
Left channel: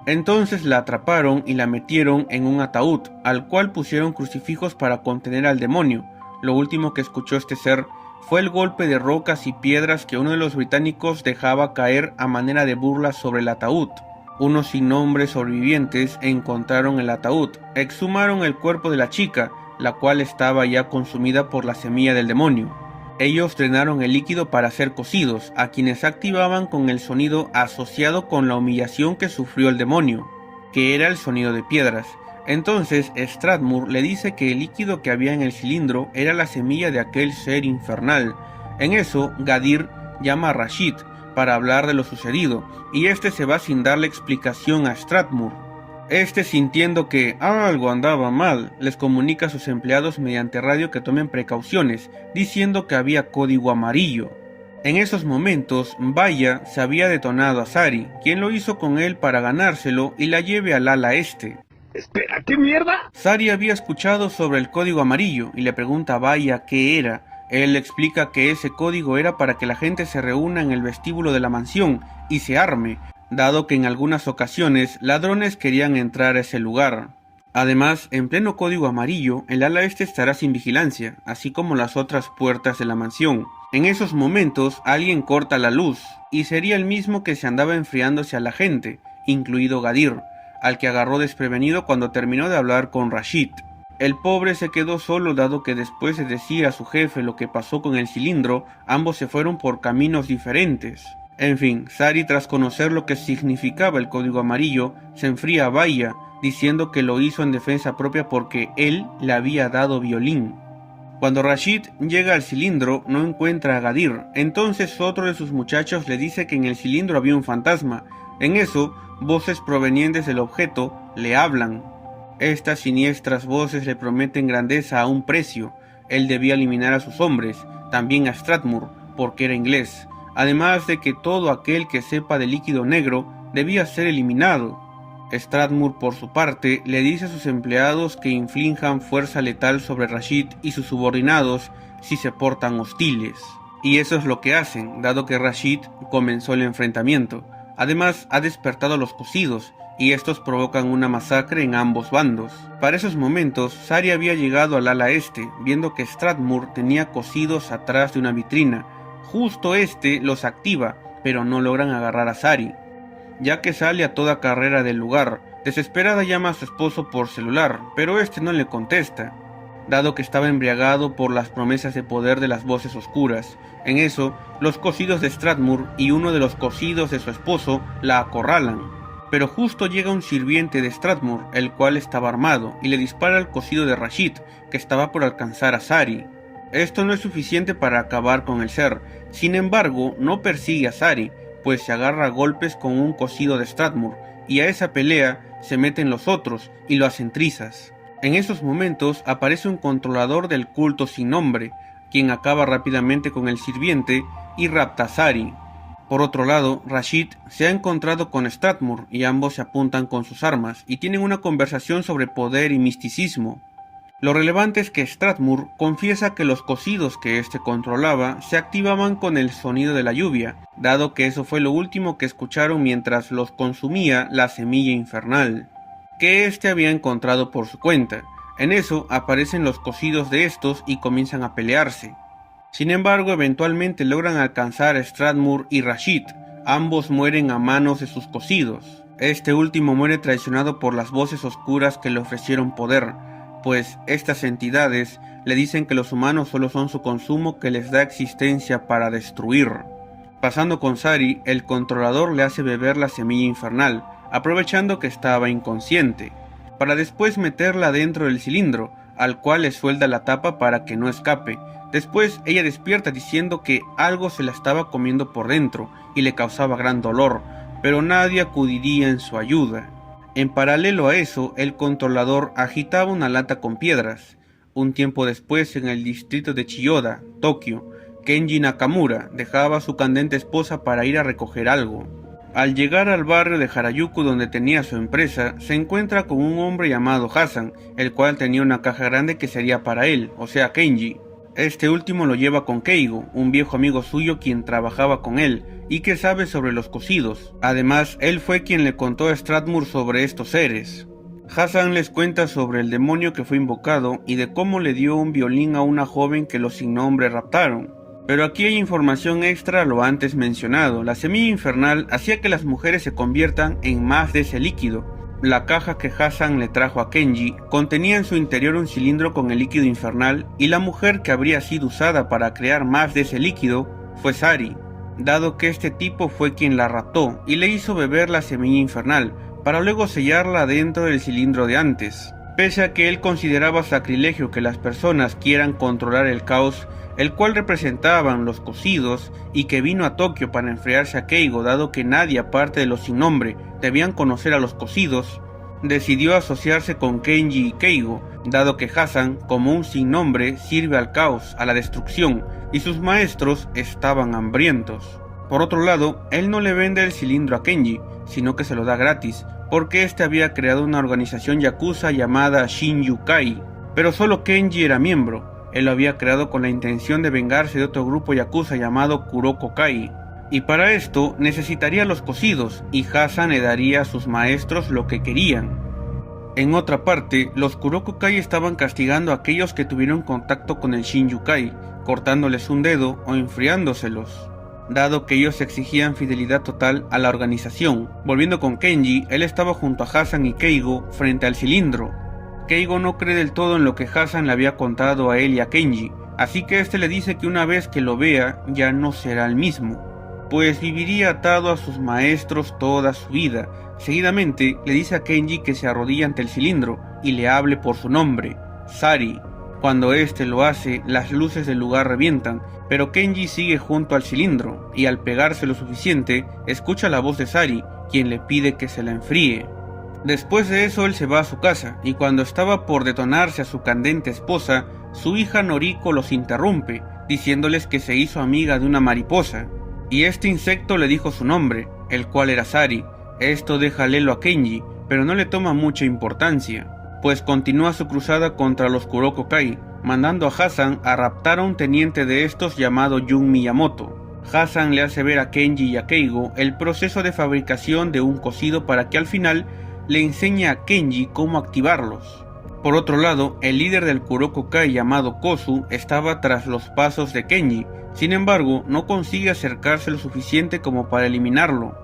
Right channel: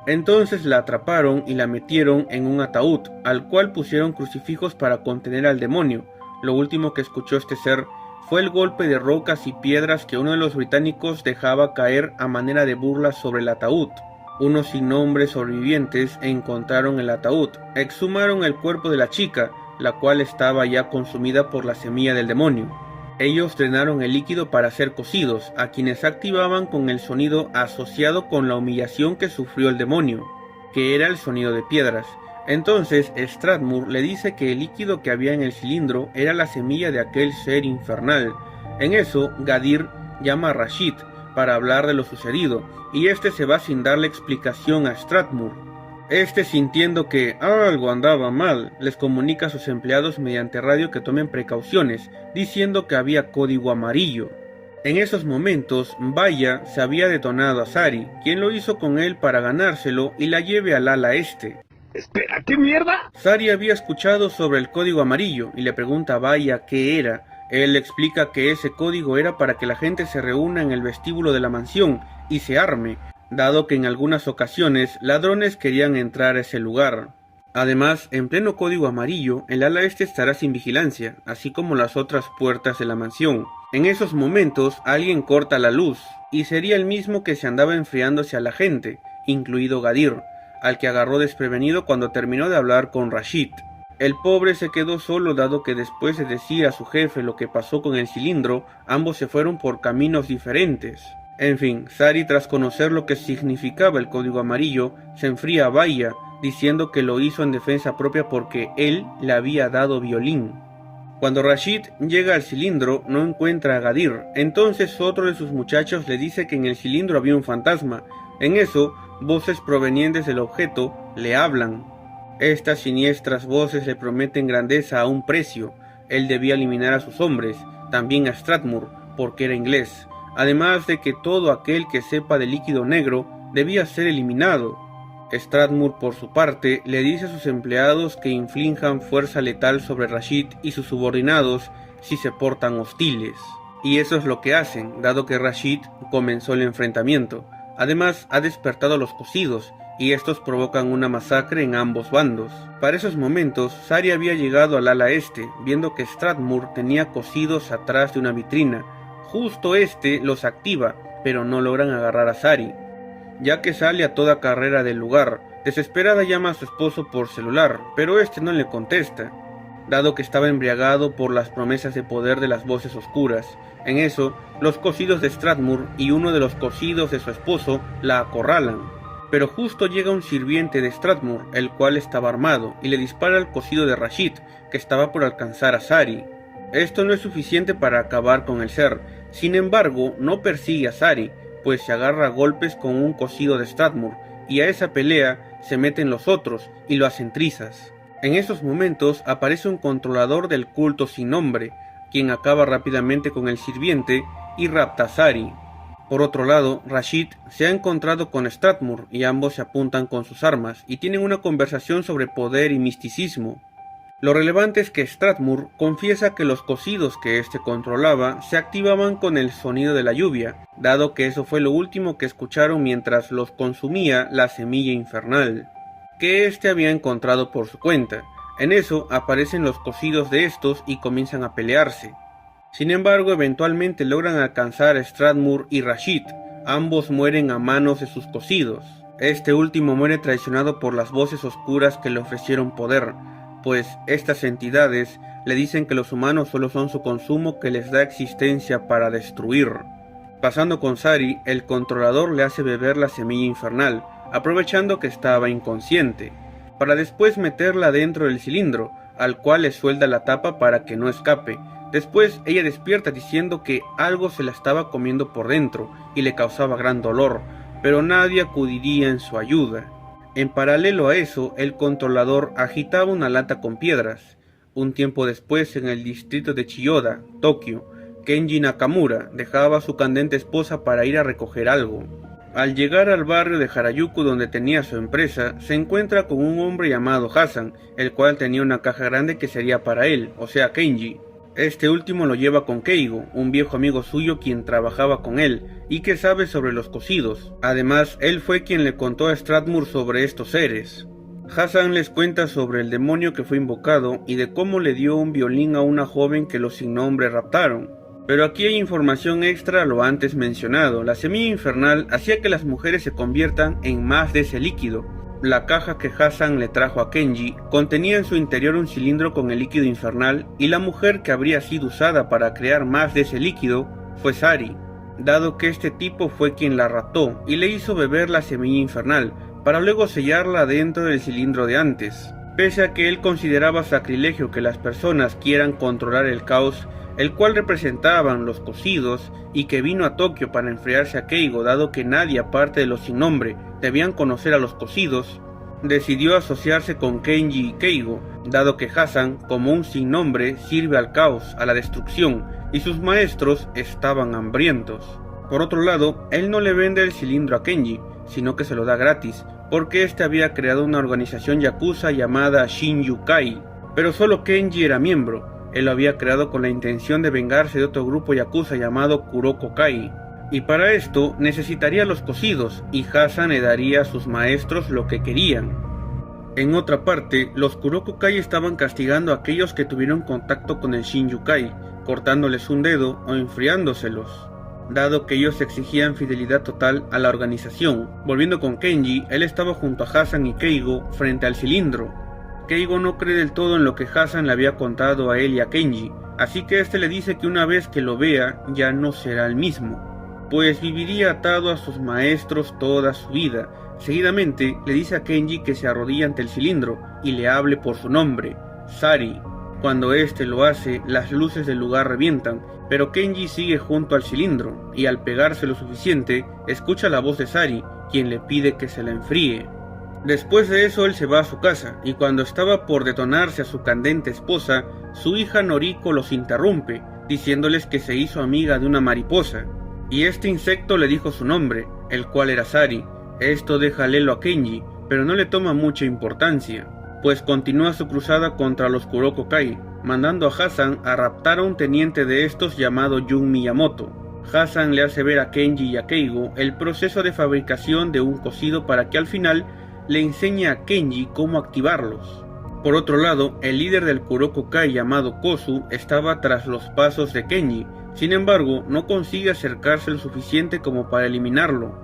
Entonces la atraparon y la metieron en un ataúd, al cual pusieron crucifijos para contener al demonio. Lo último que escuchó este ser fue el golpe de rocas y piedras que uno de los británicos dejaba caer a manera de burla sobre el ataúd. Unos sin nombre sobrevivientes encontraron el ataúd, exhumaron el cuerpo de la chica, la cual estaba ya consumida por la semilla del demonio. Ellos drenaron el líquido para ser cocidos, a quienes activaban con el sonido asociado con la humillación que sufrió el demonio, que era el sonido de piedras. Entonces Strathmore le dice que el líquido que había en el cilindro era la semilla de aquel ser infernal. En eso, Gadir llama a Rashid para hablar de lo sucedido, y este se va sin darle explicación a Strathmore. Este, sintiendo que algo andaba mal, les comunica a sus empleados mediante radio que tomen precauciones, diciendo que había código amarillo. En esos momentos, Baya se había detonado a Sari, quien lo hizo con él para ganárselo y la lleve al ala este. Espera, ¿qué mierda? Sari había escuchado sobre el código amarillo y le pregunta a Baya qué era. Él le explica que ese código era para que la gente se reúna en el vestíbulo de la mansión y se arme, dado que en algunas ocasiones ladrones querían entrar a ese lugar. Además, en pleno código amarillo, el ala este estará sin vigilancia, así como las otras puertas de la mansión. En esos momentos, alguien corta la luz, y sería el mismo que se andaba enfriándose a la gente, incluido Gadir, al que agarró desprevenido cuando terminó de hablar con Rashid. El pobre se quedó solo dado que después de decir a su jefe lo que pasó con el cilindro, ambos se fueron por caminos diferentes. En fin, Sari, tras conocer lo que significaba el código amarillo, se enfría a Baya, diciendo que lo hizo en defensa propia porque él le había dado violín. Cuando Rashid llega al cilindro, no encuentra a Gadir, entonces otro de sus muchachos le dice que en el cilindro había un fantasma. En eso, voces provenientes del objeto le hablan. Estas siniestras voces le prometen grandeza a un precio. Él debía eliminar a sus hombres, también a Strathmore, porque era inglés. Además de que todo aquel que sepa de líquido negro debía ser eliminado. Strathmore, por su parte, le dice a sus empleados que inflijan fuerza letal sobre Rashid y sus subordinados si se portan hostiles. Y eso es lo que hacen, dado que Rashid comenzó el enfrentamiento. Además, ha despertado a los cosidos, y estos provocan una masacre en ambos bandos. Para esos momentos, Sari había llegado al ala este, viendo que Strathmore tenía cosidos atrás de una vitrina. Justo este los activa, pero no logran agarrar a Sari, ya que sale a toda carrera del lugar. Desesperada llama a su esposo por celular, pero este no le contesta, dado que estaba embriagado por las promesas de poder de las voces oscuras. En eso, los cosidos de Strathmore y uno de los cosidos de su esposo la acorralan. Pero justo llega un sirviente de Strathmore, el cual estaba armado, y le dispara al cosido de Rashid, que estaba por alcanzar a Sari. Esto no es suficiente para acabar con el ser. Sin embargo, no persigue a Sari, pues se agarra a golpes con un cosido de Strathmore, y a esa pelea se meten los otros y lo hacen trizas. En esos momentos aparece un controlador del culto sin nombre, quien acaba rápidamente con el sirviente y rapta a Sari. Por otro lado, Rashid se ha encontrado con Strathmore y ambos se apuntan con sus armas y tienen una conversación sobre poder y misticismo. Lo relevante es que Strathmore confiesa que los cosidos que éste controlaba se activaban con el sonido de la lluvia, dado que eso fue lo último que escucharon mientras los consumía la semilla infernal, que éste había encontrado por su cuenta. En eso aparecen los cosidos de estos y comienzan a pelearse. Sin embargo, eventualmente logran alcanzar a Strathmore y Rashid. Ambos mueren a manos de sus cosidos. Este último muere traicionado por las voces oscuras que le ofrecieron poder, pues estas entidades le dicen que los humanos solo son su consumo que les da existencia para destruir. Pasando con Sari, el controlador le hace beber la semilla infernal, aprovechando que estaba inconsciente, para después meterla dentro del cilindro, al cual le suelda la tapa para que no escape. Después ella despierta diciendo que algo se la estaba comiendo por dentro y le causaba gran dolor, pero nadie acudiría en su ayuda. En paralelo a eso, el controlador agitaba una lata con piedras. Un tiempo después, en el distrito de Chiyoda, Tokio, Kenji Nakamura dejaba a su candente esposa para ir a recoger algo. Al llegar al barrio de Harajuku donde tenía su empresa, se encuentra con un hombre llamado Hassan, el cual tenía una caja grande que sería para él, o sea Kenji. Este último lo lleva con Keigo, un viejo amigo suyo quien trabajaba con él y que sabe sobre los cosidos. Además, él fue quien le contó a Strathmore sobre estos seres. Hassan les cuenta sobre el demonio que fue invocado y de cómo le dio un violín a una joven que los sin nombre raptaron. Pero aquí hay información extra a lo antes mencionado. La semilla infernal hacía que las mujeres se conviertan en más de ese líquido. La caja que Hassan le trajo a Kenji contenía en su interior un cilindro con el líquido infernal y la mujer que habría sido usada para crear más de ese líquido fue Sari, dado que este tipo fue quien la raptó y le hizo beber la semilla infernal para luego sellarla dentro del cilindro de antes. Pese a que él consideraba sacrilegio que las personas quieran controlar el caos, el cual representaban los cosidos, y que vino a Tokio para enfriarse a Keigo dado que nadie aparte de los sin nombre debían conocer a los cosidos, decidió asociarse con Kenji y Keigo, dado que Hassan, como un sin nombre, sirve al caos, a la destrucción, y sus maestros estaban hambrientos. Por otro lado, él no le vende el cilindro a Kenji, sino que se lo da gratis, porque este había creado una organización yakuza llamada Shinjukai, pero solo Kenji era miembro. Él lo había creado con la intención de vengarse de otro grupo yakuza llamado Kuroko Kai, y para esto necesitaría los cocidos, y Hasan le daría a sus maestros lo que querían. En otra parte, los Kuroko Kai estaban castigando a aquellos que tuvieron contacto con el Shinjukai, cortándoles un dedo o enfriándoselos, dado que ellos exigían fidelidad total a la organización. Volviendo con Kenji, él estaba junto a Hasan y Keigo frente al cilindro. Keigo no cree del todo en lo que Hasan le había contado a él y a Kenji, así que este le dice que una vez que lo vea ya no será el mismo, pues viviría atado a sus maestros toda su vida. Seguidamente le dice a Kenji que se arrodille ante el cilindro y le hable por su nombre, Sari. Cuando este lo hace, las luces del lugar revientan, pero Kenji sigue junto al cilindro, y al pegarse lo suficiente, escucha la voz de Sari, quien le pide que se la enfríe. Después de eso él se va a su casa, y cuando estaba por detonarse a su candente esposa, su hija Noriko los interrumpe, diciéndoles que se hizo amiga de una mariposa, y este insecto le dijo su nombre, el cual era Sari. Esto deja lelo a Kenji, pero no le toma mucha importancia, pues continúa su cruzada contra los Kuroko Kai, mandando a Hasan a raptar a un teniente de estos llamado Jun Miyamoto. Hasan le hace ver a Kenji y a Keigo el proceso de fabricación de un cocido para que al final le enseñe a Kenji cómo activarlos. Por otro lado, el líder del Kuroko Kai llamado Kozu estaba tras los pasos de Kenji, sin embargo no consigue acercarse lo suficiente como para eliminarlo,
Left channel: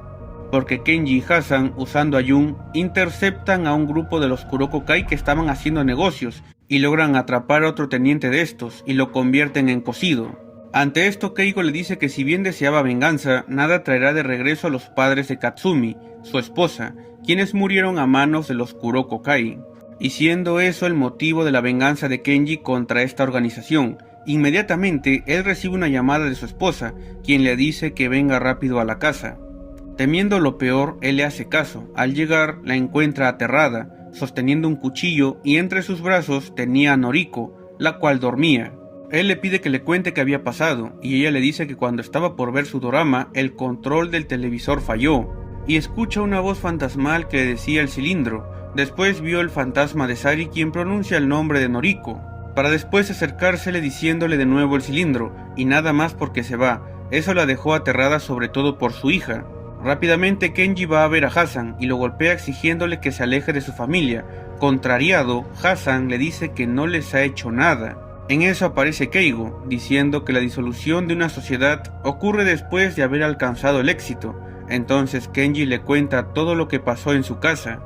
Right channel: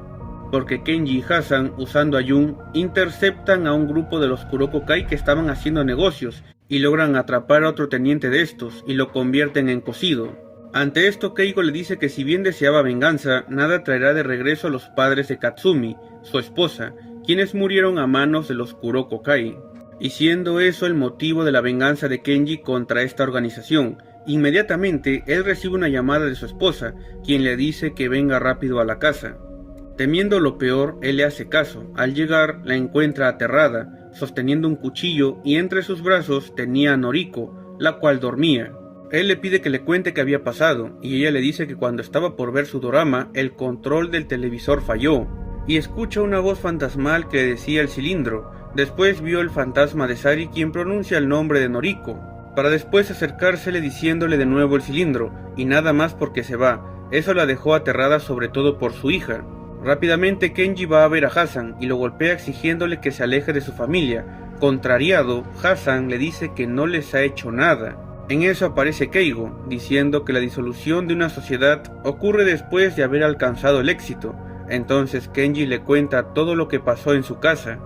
porque Kenji y Hasan, usando a Jun, interceptan a un grupo de los Kuroko Kai que estaban haciendo negocios y logran atrapar a otro teniente de estos y lo convierten en cocido. Ante esto, Keigo le dice que si bien deseaba venganza, nada traerá de regreso a los padres de Katsumi, su esposa, quienes murieron a manos de los Kuroko Kai, y siendo eso el motivo de la venganza de Kenji contra esta organización. Inmediatamente él recibe una llamada de su esposa, quien le dice que venga rápido a la casa. Temiendo lo peor, él le hace caso. Al llegar, la encuentra aterrada, sosteniendo un cuchillo, y entre sus brazos tenía a Noriko, la cual dormía. Él le pide que le cuente qué había pasado, y ella le dice que cuando estaba por ver su dorama, el control del televisor falló, y escucha una voz fantasmal que le decía el cilindro. Después vio el fantasma de Sari, quien pronuncia el nombre de Noriko, para después acercársele diciéndole de nuevo el cilindro, y nada más porque se va. Eso la dejó aterrada, sobre todo por su hija. Rápidamente Kenji va a ver a Hasan y lo golpea exigiéndole que se aleje de su familia. Contrariado, Hasan le dice que no les ha hecho nada. En eso aparece Keigo, diciendo que la disolución de una sociedad ocurre después de haber alcanzado el éxito. Entonces Kenji le cuenta todo lo que pasó en su casa.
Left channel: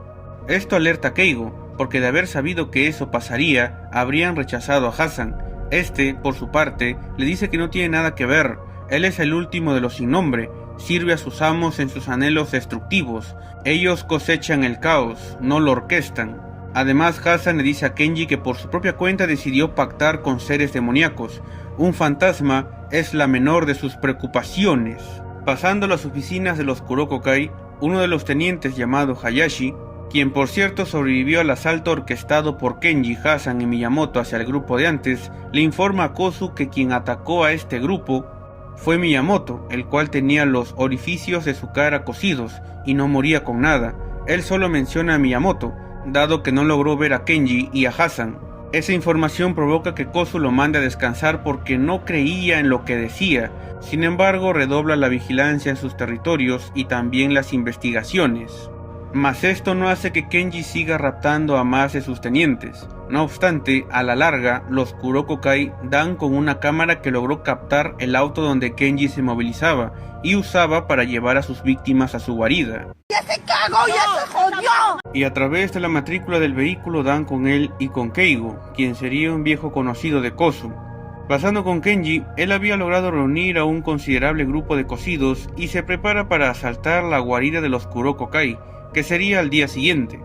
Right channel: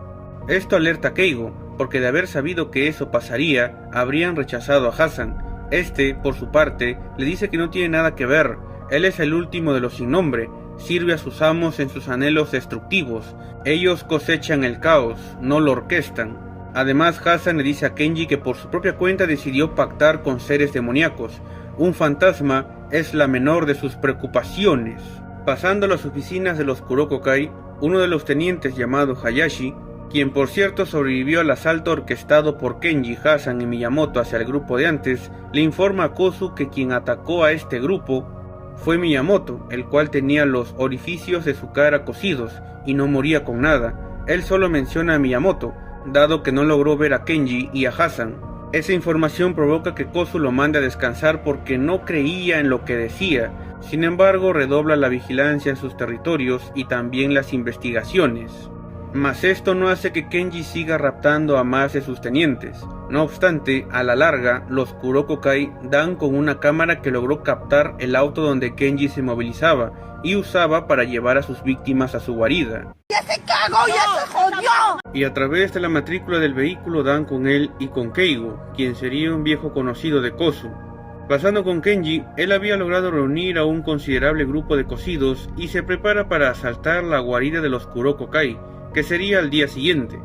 Esto alerta a Keigo, porque de haber sabido que eso pasaría, habrían rechazado a Hasan. Este, por su parte, le dice que no tiene nada que ver. Él es el último de los sin nombre. Sirve a sus amos en sus anhelos destructivos. Ellos cosechan el caos, no lo orquestan. Además, Hasan le dice a Kenji que por su propia cuenta decidió pactar con seres demoníacos. Un fantasma es la menor de sus preocupaciones. Pasando a las oficinas de los Kuroko Kai, uno de los tenientes llamado Hayashi, quien por cierto sobrevivió al asalto orquestado por Kenji, Hasan y Miyamoto hacia el grupo de antes, le informa a Kozu que quien atacó a este grupo fue Miyamoto, el cual tenía los orificios de su cara cosidos y no moría con nada. Él solo menciona a Miyamoto, dado que no logró ver a Kenji y a Hasan. Esa información provoca que Kozu lo mande a descansar porque no creía en lo que decía. Sin embargo, redobla la vigilancia en sus territorios y también las investigaciones. Mas esto no hace que Kenji siga raptando a más de sus tenientes. No obstante, a la larga, los Kuroko Kai dan con una cámara que logró captar el auto donde Kenji se movilizaba y usaba para llevar a sus víctimas a su guarida. ¡Ya se cagó, ya se jodió! Y a través de la matrícula del vehículo dan con él y con Keigo, quien sería un viejo conocido de Kozu. Pasando con Kenji, él había logrado reunir a un considerable grupo de cocidos y se prepara para asaltar la guarida de los Kuroko Kai, que sería al día siguiente.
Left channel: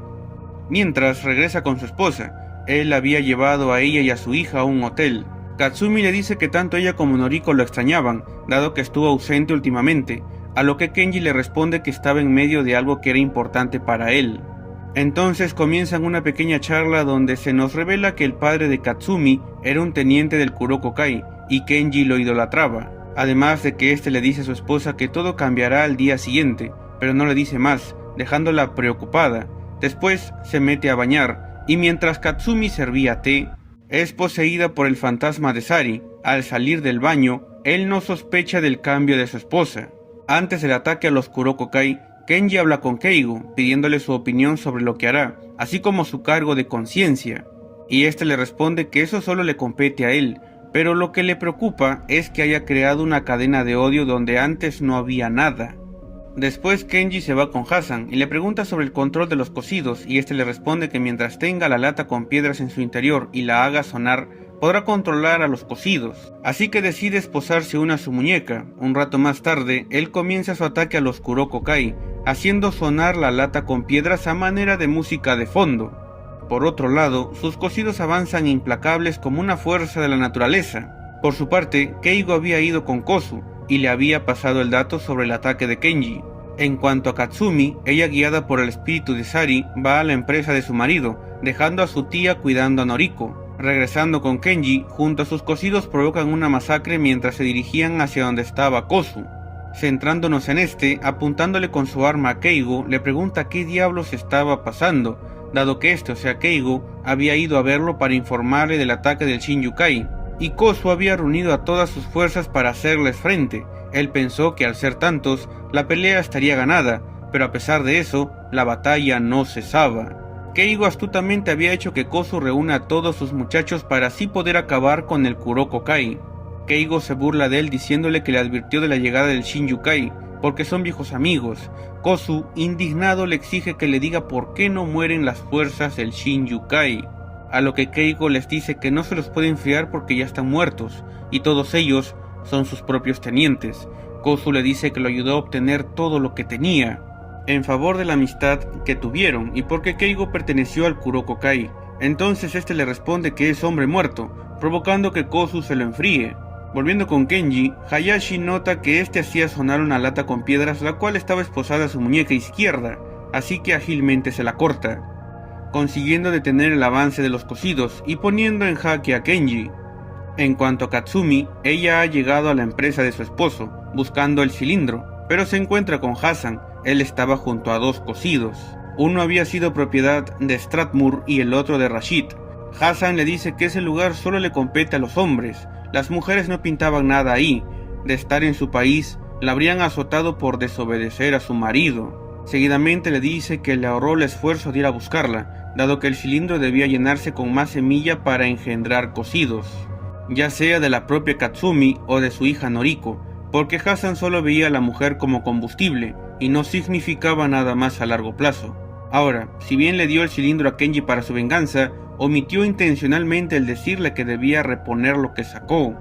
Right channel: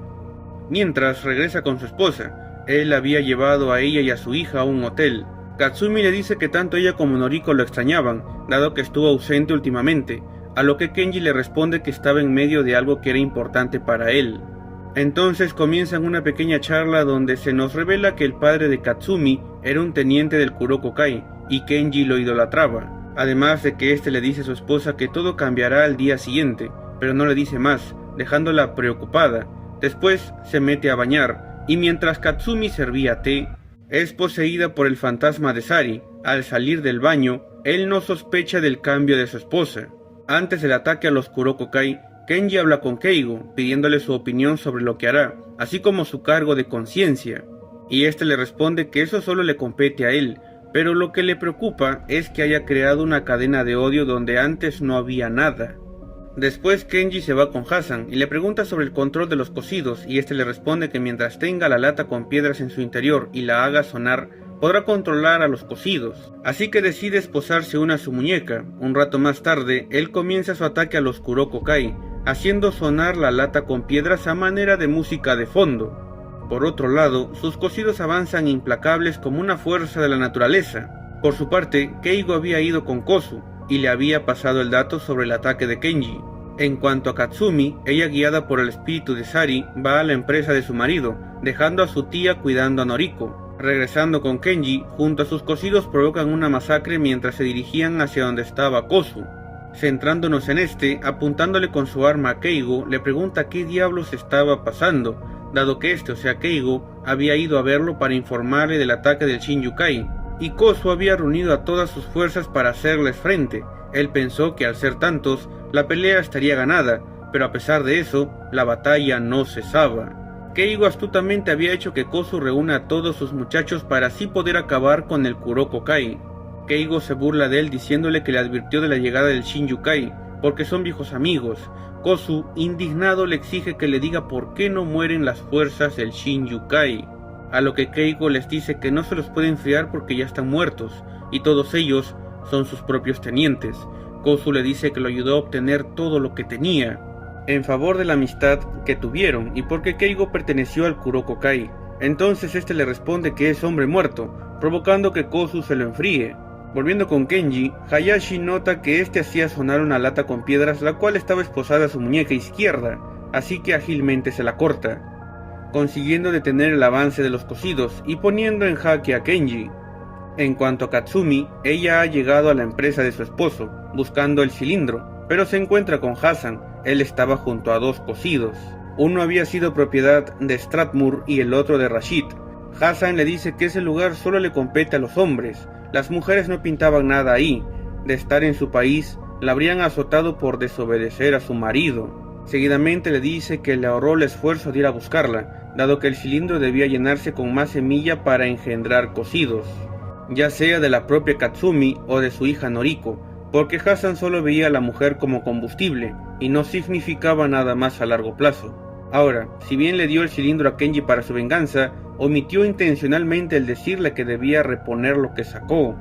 Mientras regresa con su esposa, él había llevado a ella y a su hija a un hotel. Katsumi le dice que tanto ella como Noriko lo extrañaban, dado que estuvo ausente últimamente, a lo que Kenji le responde que estaba en medio de algo que era importante para él. Entonces comienzan una pequeña charla donde se nos revela que el padre de Katsumi era un teniente del Kuroko Kai y Kenji lo idolatraba, además de que este le dice a su esposa que todo cambiará al día siguiente, pero no le dice más, dejándola preocupada. Después se mete a bañar, y mientras Katsumi servía té, es poseída por el fantasma de Sari. Al salir del baño, él no sospecha del cambio de su esposa. Antes del ataque a los Kuroko Kai, Kenji habla con Keigo, pidiéndole su opinión sobre lo que hará, así como su cargo de conciencia, y este le responde que eso solo le compete a él, pero lo que le preocupa es que haya creado una cadena de odio donde antes no había nada. Después Kenji se va con Hasan y le pregunta sobre el control de los cocidos, y este le responde que mientras tenga la lata con piedras en su interior y la haga sonar, podrá controlar a los cocidos, así que decide esposarse una a su muñeca. Un rato más tarde, él comienza su ataque a los Kuroko Kai, haciendo sonar la lata con piedras a manera de música de fondo. Por otro lado, sus cocidos avanzan implacables como una fuerza de la naturaleza. Por su parte, Keigo había ido con Kozu, y le había pasado el dato sobre el ataque de Kenji. En cuanto a Katsumi, ella guiada por el espíritu de Sari, va a la empresa de su marido, dejando a su tía cuidando a Noriko. Regresando con Kenji, junto a sus cocidos provocan una masacre mientras se dirigían hacia donde estaba Kozu. Centrándonos en este, apuntándole con su arma a Keigo, le pregunta qué diablos estaba pasando, dado que este, o sea Keigo, había ido a verlo para informarle del ataque del Shinjukai, y Kozu había reunido a todas sus fuerzas para hacerles frente. Él pensó que al ser tantos, la pelea estaría ganada, pero a pesar de eso, la batalla no cesaba. Keigo astutamente había hecho que Kozu reúna a todos sus muchachos para así poder acabar con el Kuroko Kai. Keigo se burla de él diciéndole que le advirtió de la llegada del Shinjukai, porque son viejos amigos. Kozu, indignado, le exige que le diga por qué no mueren las fuerzas del Shinjukai, a lo que Keigo les dice que no se los puede enfriar porque ya están muertos, y todos ellos son sus propios tenientes. Kozu le dice que lo ayudó a obtener todo lo que tenía, en favor de la amistad que tuvieron, y porque Keigo perteneció al Kuroko Kai. Entonces este le responde que es hombre muerto, provocando que Kozu se lo enfríe. Volviendo con Kenji, Hayashi nota que este hacía sonar una lata con piedras, la cual estaba esposada a su muñeca izquierda, así que ágilmente se la corta, consiguiendo detener el avance de los cocidos y poniendo en jaque a Kenji. En cuanto a Katsumi, ella ha llegado a la empresa de su esposo, buscando el cilindro, pero se encuentra con Hasan. Él estaba junto a dos cocidos. Uno había sido propiedad de Strathmore y el otro de Rashid. Hasan le dice que ese lugar solo le compete a los hombres. Las mujeres no pintaban nada ahí. De estar en su país, la habrían azotado por desobedecer a su marido. Seguidamente le dice que le ahorró el esfuerzo de ir a buscarla, dado que el cilindro debía llenarse con más semilla para engendrar cocidos, ya sea de la propia Katsumi o de su hija Noriko, porque Hasan solo veía a la mujer como combustible y no significaba nada más a largo plazo. Ahora, si bien le dio el cilindro a Kenji para su venganza, omitió intencionalmente el decirle que debía reponer lo que sacó.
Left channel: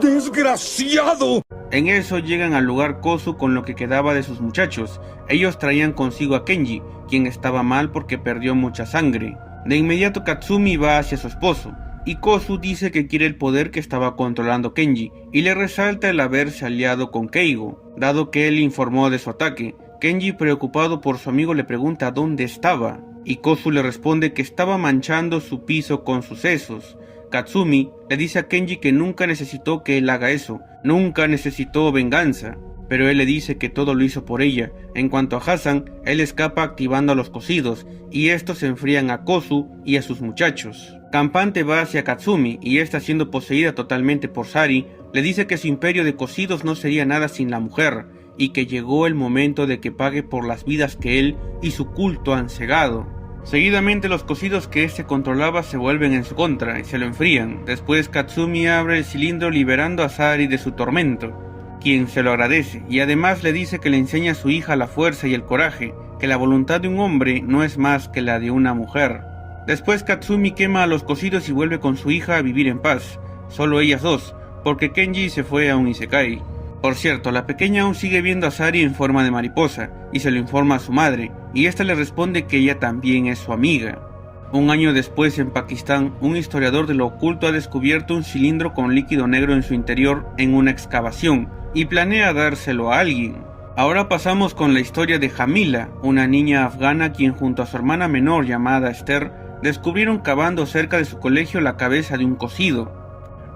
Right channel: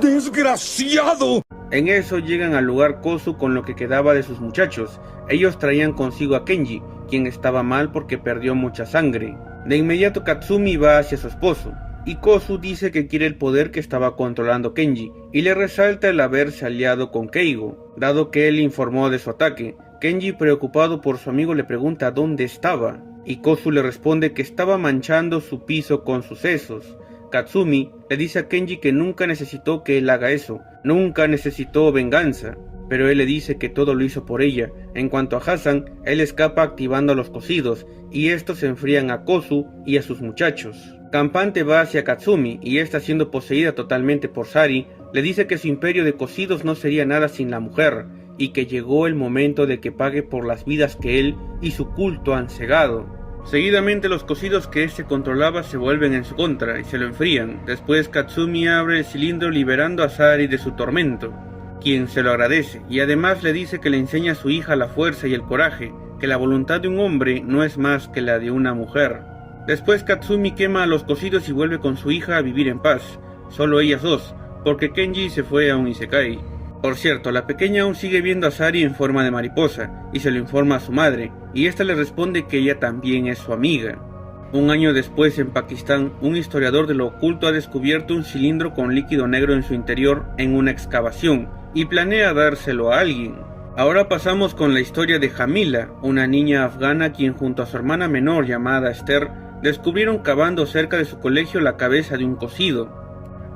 ¡Desgraciado! En eso llegan al lugar Kozu con lo que quedaba de sus muchachos. Ellos traían consigo a Kenji, quien estaba mal porque perdió mucha sangre. De inmediato Katsumi va hacia su esposo, y Kozu dice que quiere el poder que estaba controlando Kenji, y le resalta el haberse aliado con Keigo, dado que él informó de su ataque. Kenji, preocupado por su amigo, le pregunta dónde estaba, y Kozu le responde que estaba manchando su piso con sus sesos. Katsumi le dice a Kenji que nunca necesitó que él haga eso, nunca necesitó venganza, pero él le dice que todo lo hizo por ella. En cuanto a Hasan, él escapa activando a los cocidos, y estos se enfrían a Kozu y a sus muchachos. Campante va hacia Katsumi, y esta, siendo poseída totalmente por Sari, le dice que su imperio de cocidos no sería nada sin la mujer, y que llegó el momento de que pague por las vidas que él y su culto han cegado. Seguidamente los cocidos que éste controlaba se vuelven en su contra y se lo enfrían. Después Katsumi abre el cilindro liberando a Sari de su tormento, quien se lo agradece, y además le dice que le enseña a su hija la fuerza y el coraje, que la voluntad de un hombre no es más que la de una mujer. Después Katsumi quema a los cocidos y vuelve con su hija a vivir en paz, solo ellas dos, porque Kenji se fue a un isekai. Por cierto, la pequeña aún sigue viendo a Sari en forma de mariposa, y se lo informa a su madre, y esta le responde que ella también es su amiga. Un año después, en Pakistán, un historiador de lo oculto ha descubierto un cilindro con líquido negro en su interior en una excavación, y planea dárselo a alguien. Ahora pasamos con la historia de Jamila, una niña afgana quien junto a su hermana menor llamada Esther, descubrieron cavando cerca de su colegio la cabeza de un cocido.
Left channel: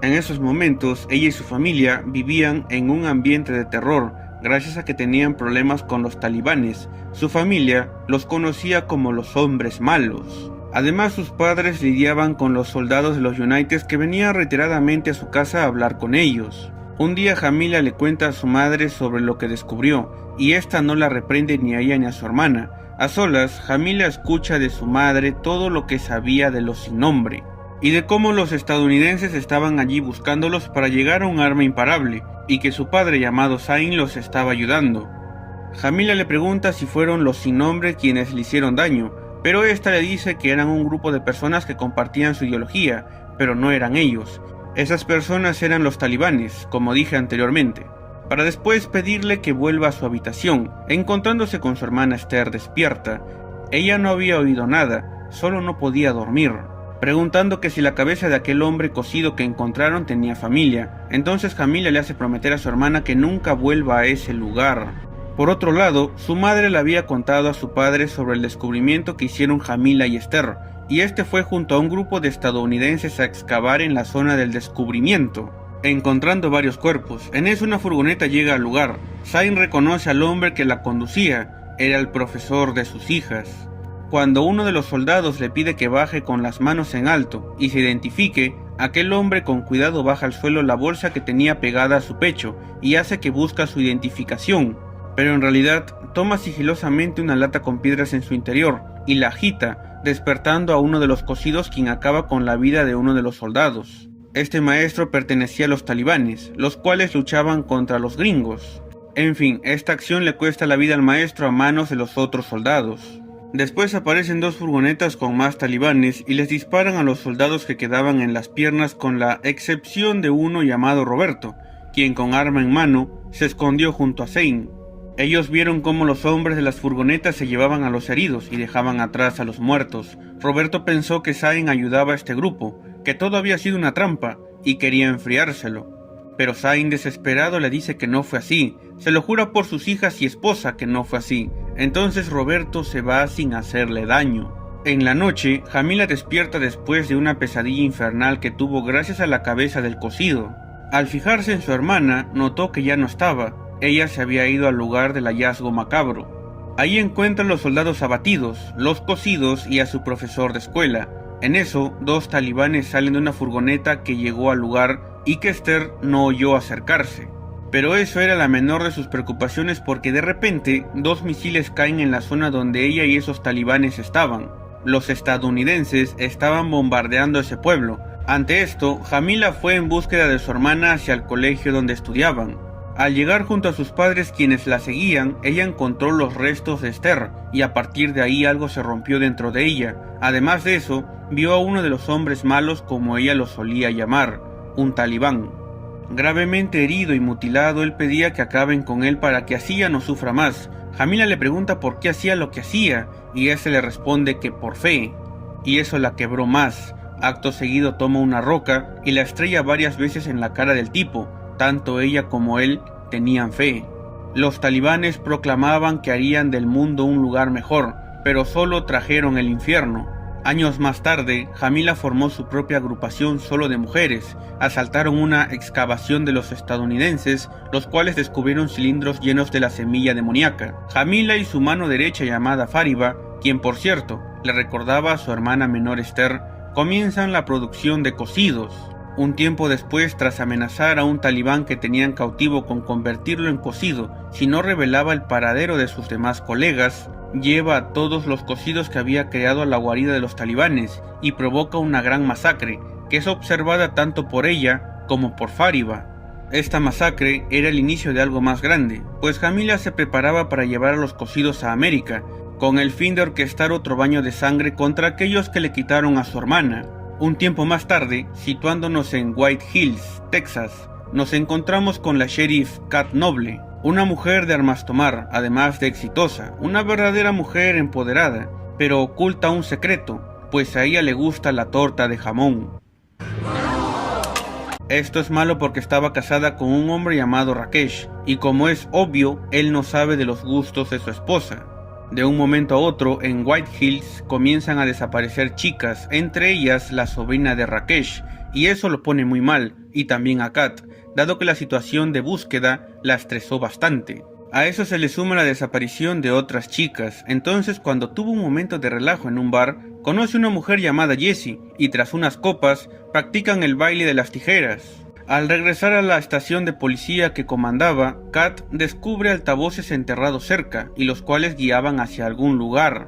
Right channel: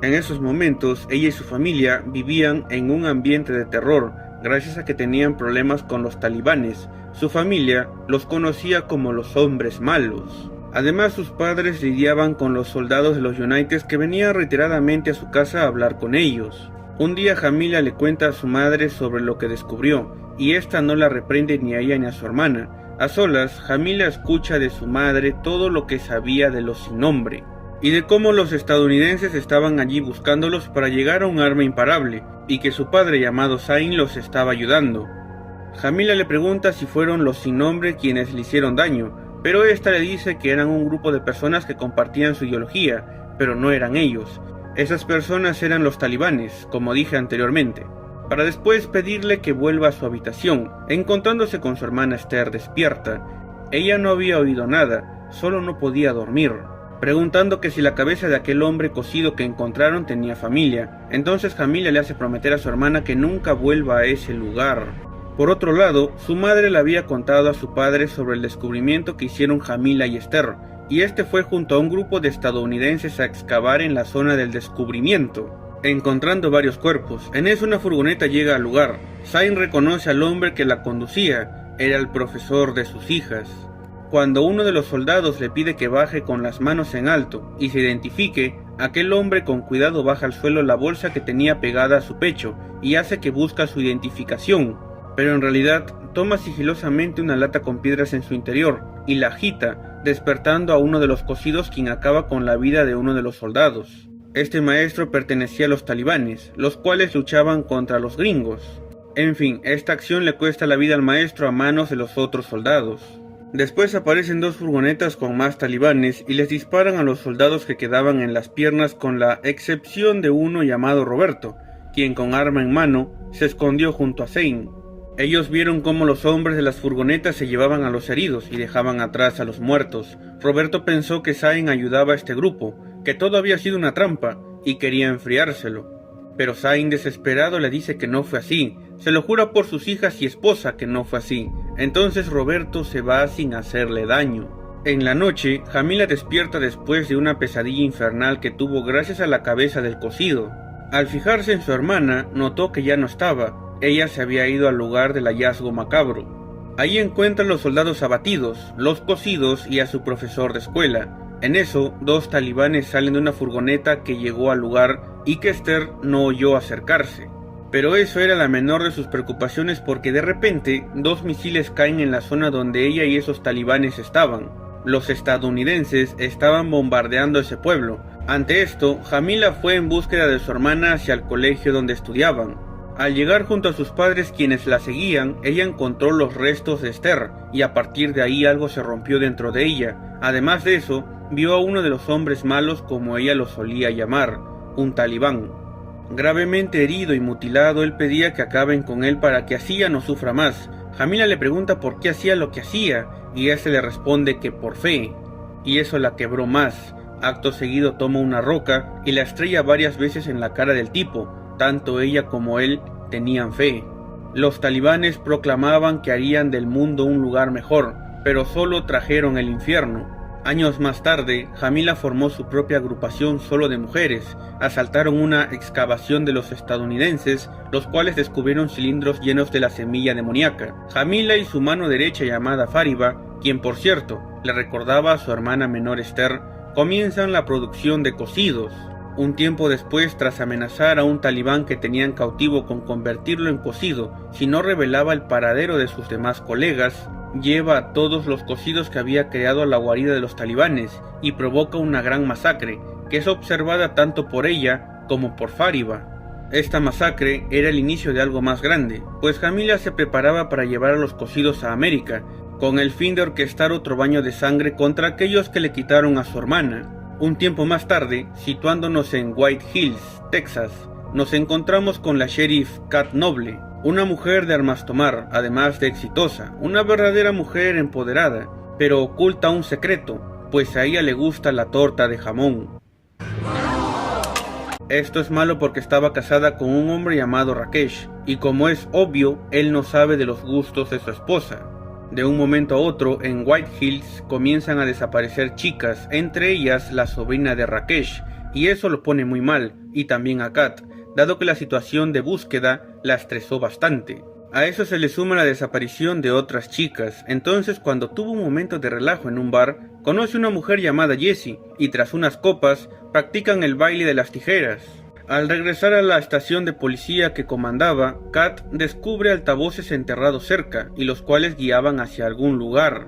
En esos momentos, ella y su familia vivían en un ambiente de terror, gracias a que tenían problemas con los talibanes. Su familia los conocía como los hombres malos. Además, sus padres lidiaban con los soldados de los United que venían reiteradamente a su casa a hablar con ellos. Un día Jamila le cuenta a su madre sobre lo que descubrió, y esta no la reprende ni a ella ni a su hermana. A solas, Jamila escucha de su madre todo lo que sabía de los sin nombre, y de cómo los estadounidenses estaban allí buscándolos para llegar a un arma imparable, y que su padre llamado Zain los estaba ayudando. Jamila le pregunta si fueron los sin nombre quienes le hicieron daño, pero esta le dice que eran un grupo de personas que compartían su ideología, pero no eran ellos. Esas personas eran los talibanes, como dije anteriormente, para después pedirle que vuelva a su habitación, encontrándose con su hermana Esther despierta. Ella no había oído nada, solo no podía dormir, preguntando que si la cabeza de aquel hombre cocido que encontraron tenía familia. Entonces Jamila le hace prometer a su hermana que nunca vuelva a ese lugar. Por otro lado, su madre le había contado a su padre sobre el descubrimiento que hicieron Jamila y Esther, y este fue junto a un grupo de estadounidenses a excavar en la zona del descubrimiento, encontrando varios cuerpos. En eso una furgoneta llega al lugar. Zain reconoce al hombre que la conducía, era el profesor de sus hijas. Cuando uno de los soldados le pide que baje con las manos en alto y se identifique, aquel hombre con cuidado baja al suelo la bolsa que tenía pegada a su pecho y hace que busca su identificación, pero en realidad toma sigilosamente una lata con piedras en su interior y la agita, despertando a uno de los cocidos, quien acaba con la vida de uno de los soldados. Este maestro pertenecía a los talibanes, los cuales luchaban contra los gringos. En fin, esta acción le cuesta la vida al maestro a manos de los otros soldados. Después aparecen dos furgonetas con más talibanes y les disparan a los soldados que quedaban en las piernas, con la excepción de uno llamado Roberto, quien con arma en mano se escondió junto a Zain. Ellos vieron cómo los hombres de las furgonetas se llevaban a los heridos y dejaban atrás a los muertos. Roberto pensó que Zain ayudaba a este grupo, que todo había sido una trampa, y quería enfriárselo. Pero Zain, desesperado, le dice que no fue así. Se lo jura por sus hijas y esposa que no fue así. Entonces Roberto se va sin hacerle daño. En la noche, Jamila despierta después de una pesadilla infernal que tuvo gracias a la cabeza del cocido. Al fijarse en su hermana, notó que ya no estaba. Ella se había ido al lugar del hallazgo macabro. Ahí encuentran los soldados abatidos, los cocidos y a su profesor de escuela. En eso, dos talibanes salen de una furgoneta que llegó al lugar y que Esther no oyó acercarse. Pero eso era la menor de sus preocupaciones, porque de repente dos misiles caen en la zona donde ella y esos talibanes estaban. Los estadounidenses estaban bombardeando ese pueblo. Ante esto, Jamila fue en búsqueda de su hermana hacia el colegio donde estudiaban. Al llegar junto a sus padres, quienes la seguían, ella encontró los restos de Esther, y a partir de ahí algo se rompió dentro de ella. Además de eso, vio a uno de los hombres malos, como ella lo solía llamar, un talibán. Gravemente herido y mutilado, él pedía que acaben con él para que así ya no sufra más. Jamila le pregunta por qué hacía lo que hacía, y este le responde que por fe, y eso la quebró más. Acto seguido toma una roca y la estrella varias veces en la cara del tipo. Tanto ella como él tenían fe. Los talibanes proclamaban que harían del mundo un lugar mejor, pero solo trajeron el infierno. Años más tarde, Jamila formó su propia agrupación solo de mujeres. Asaltaron una excavación de los estadounidenses, los cuales descubrieron cilindros llenos de la semilla demoníaca. Jamila y su mano derecha llamada Fariba, quien por cierto le recordaba a su hermana menor Esther, comienzan la producción de cocidos. Un tiempo después, tras amenazar a un talibán que tenían cautivo con convertirlo en cocido si no revelaba el paradero de sus demás colegas, lleva a todos los cocidos que había creado a la guarida de los talibanes y provoca una gran masacre, que es observada tanto por ella como por Fariba. Esta masacre era el inicio de algo más grande, pues Jamila se preparaba para llevar a los cocidos a América, con el fin de orquestar otro baño de sangre contra aquellos que le quitaron a su hermana. Un tiempo más tarde, situándonos en White Hills, Texas, nos encontramos con la sheriff Kat Noble, una mujer de armas tomar, además de exitosa, una verdadera mujer empoderada, pero oculta un secreto, pues a ella le gusta la torta de jamón. Esto es malo porque estaba casada con un hombre llamado Rakesh, y como es obvio, él no sabe de los gustos de su esposa. De un momento a otro, en White Hills comienzan a desaparecer chicas, entre ellas la sobrina de Rakesh, y eso lo pone muy mal, y también a Kat, dado que la situación de búsqueda la estresó bastante. A eso se le suma la desaparición de otras chicas. Entonces, cuando tuvo un momento de relajo en un bar, conoce a una mujer llamada Jessie y tras unas copas practican el baile de las tijeras. Al regresar a la estación de policía que comandaba, Kat descubre altavoces enterrados cerca y los cuales guiaban hacia algún lugar.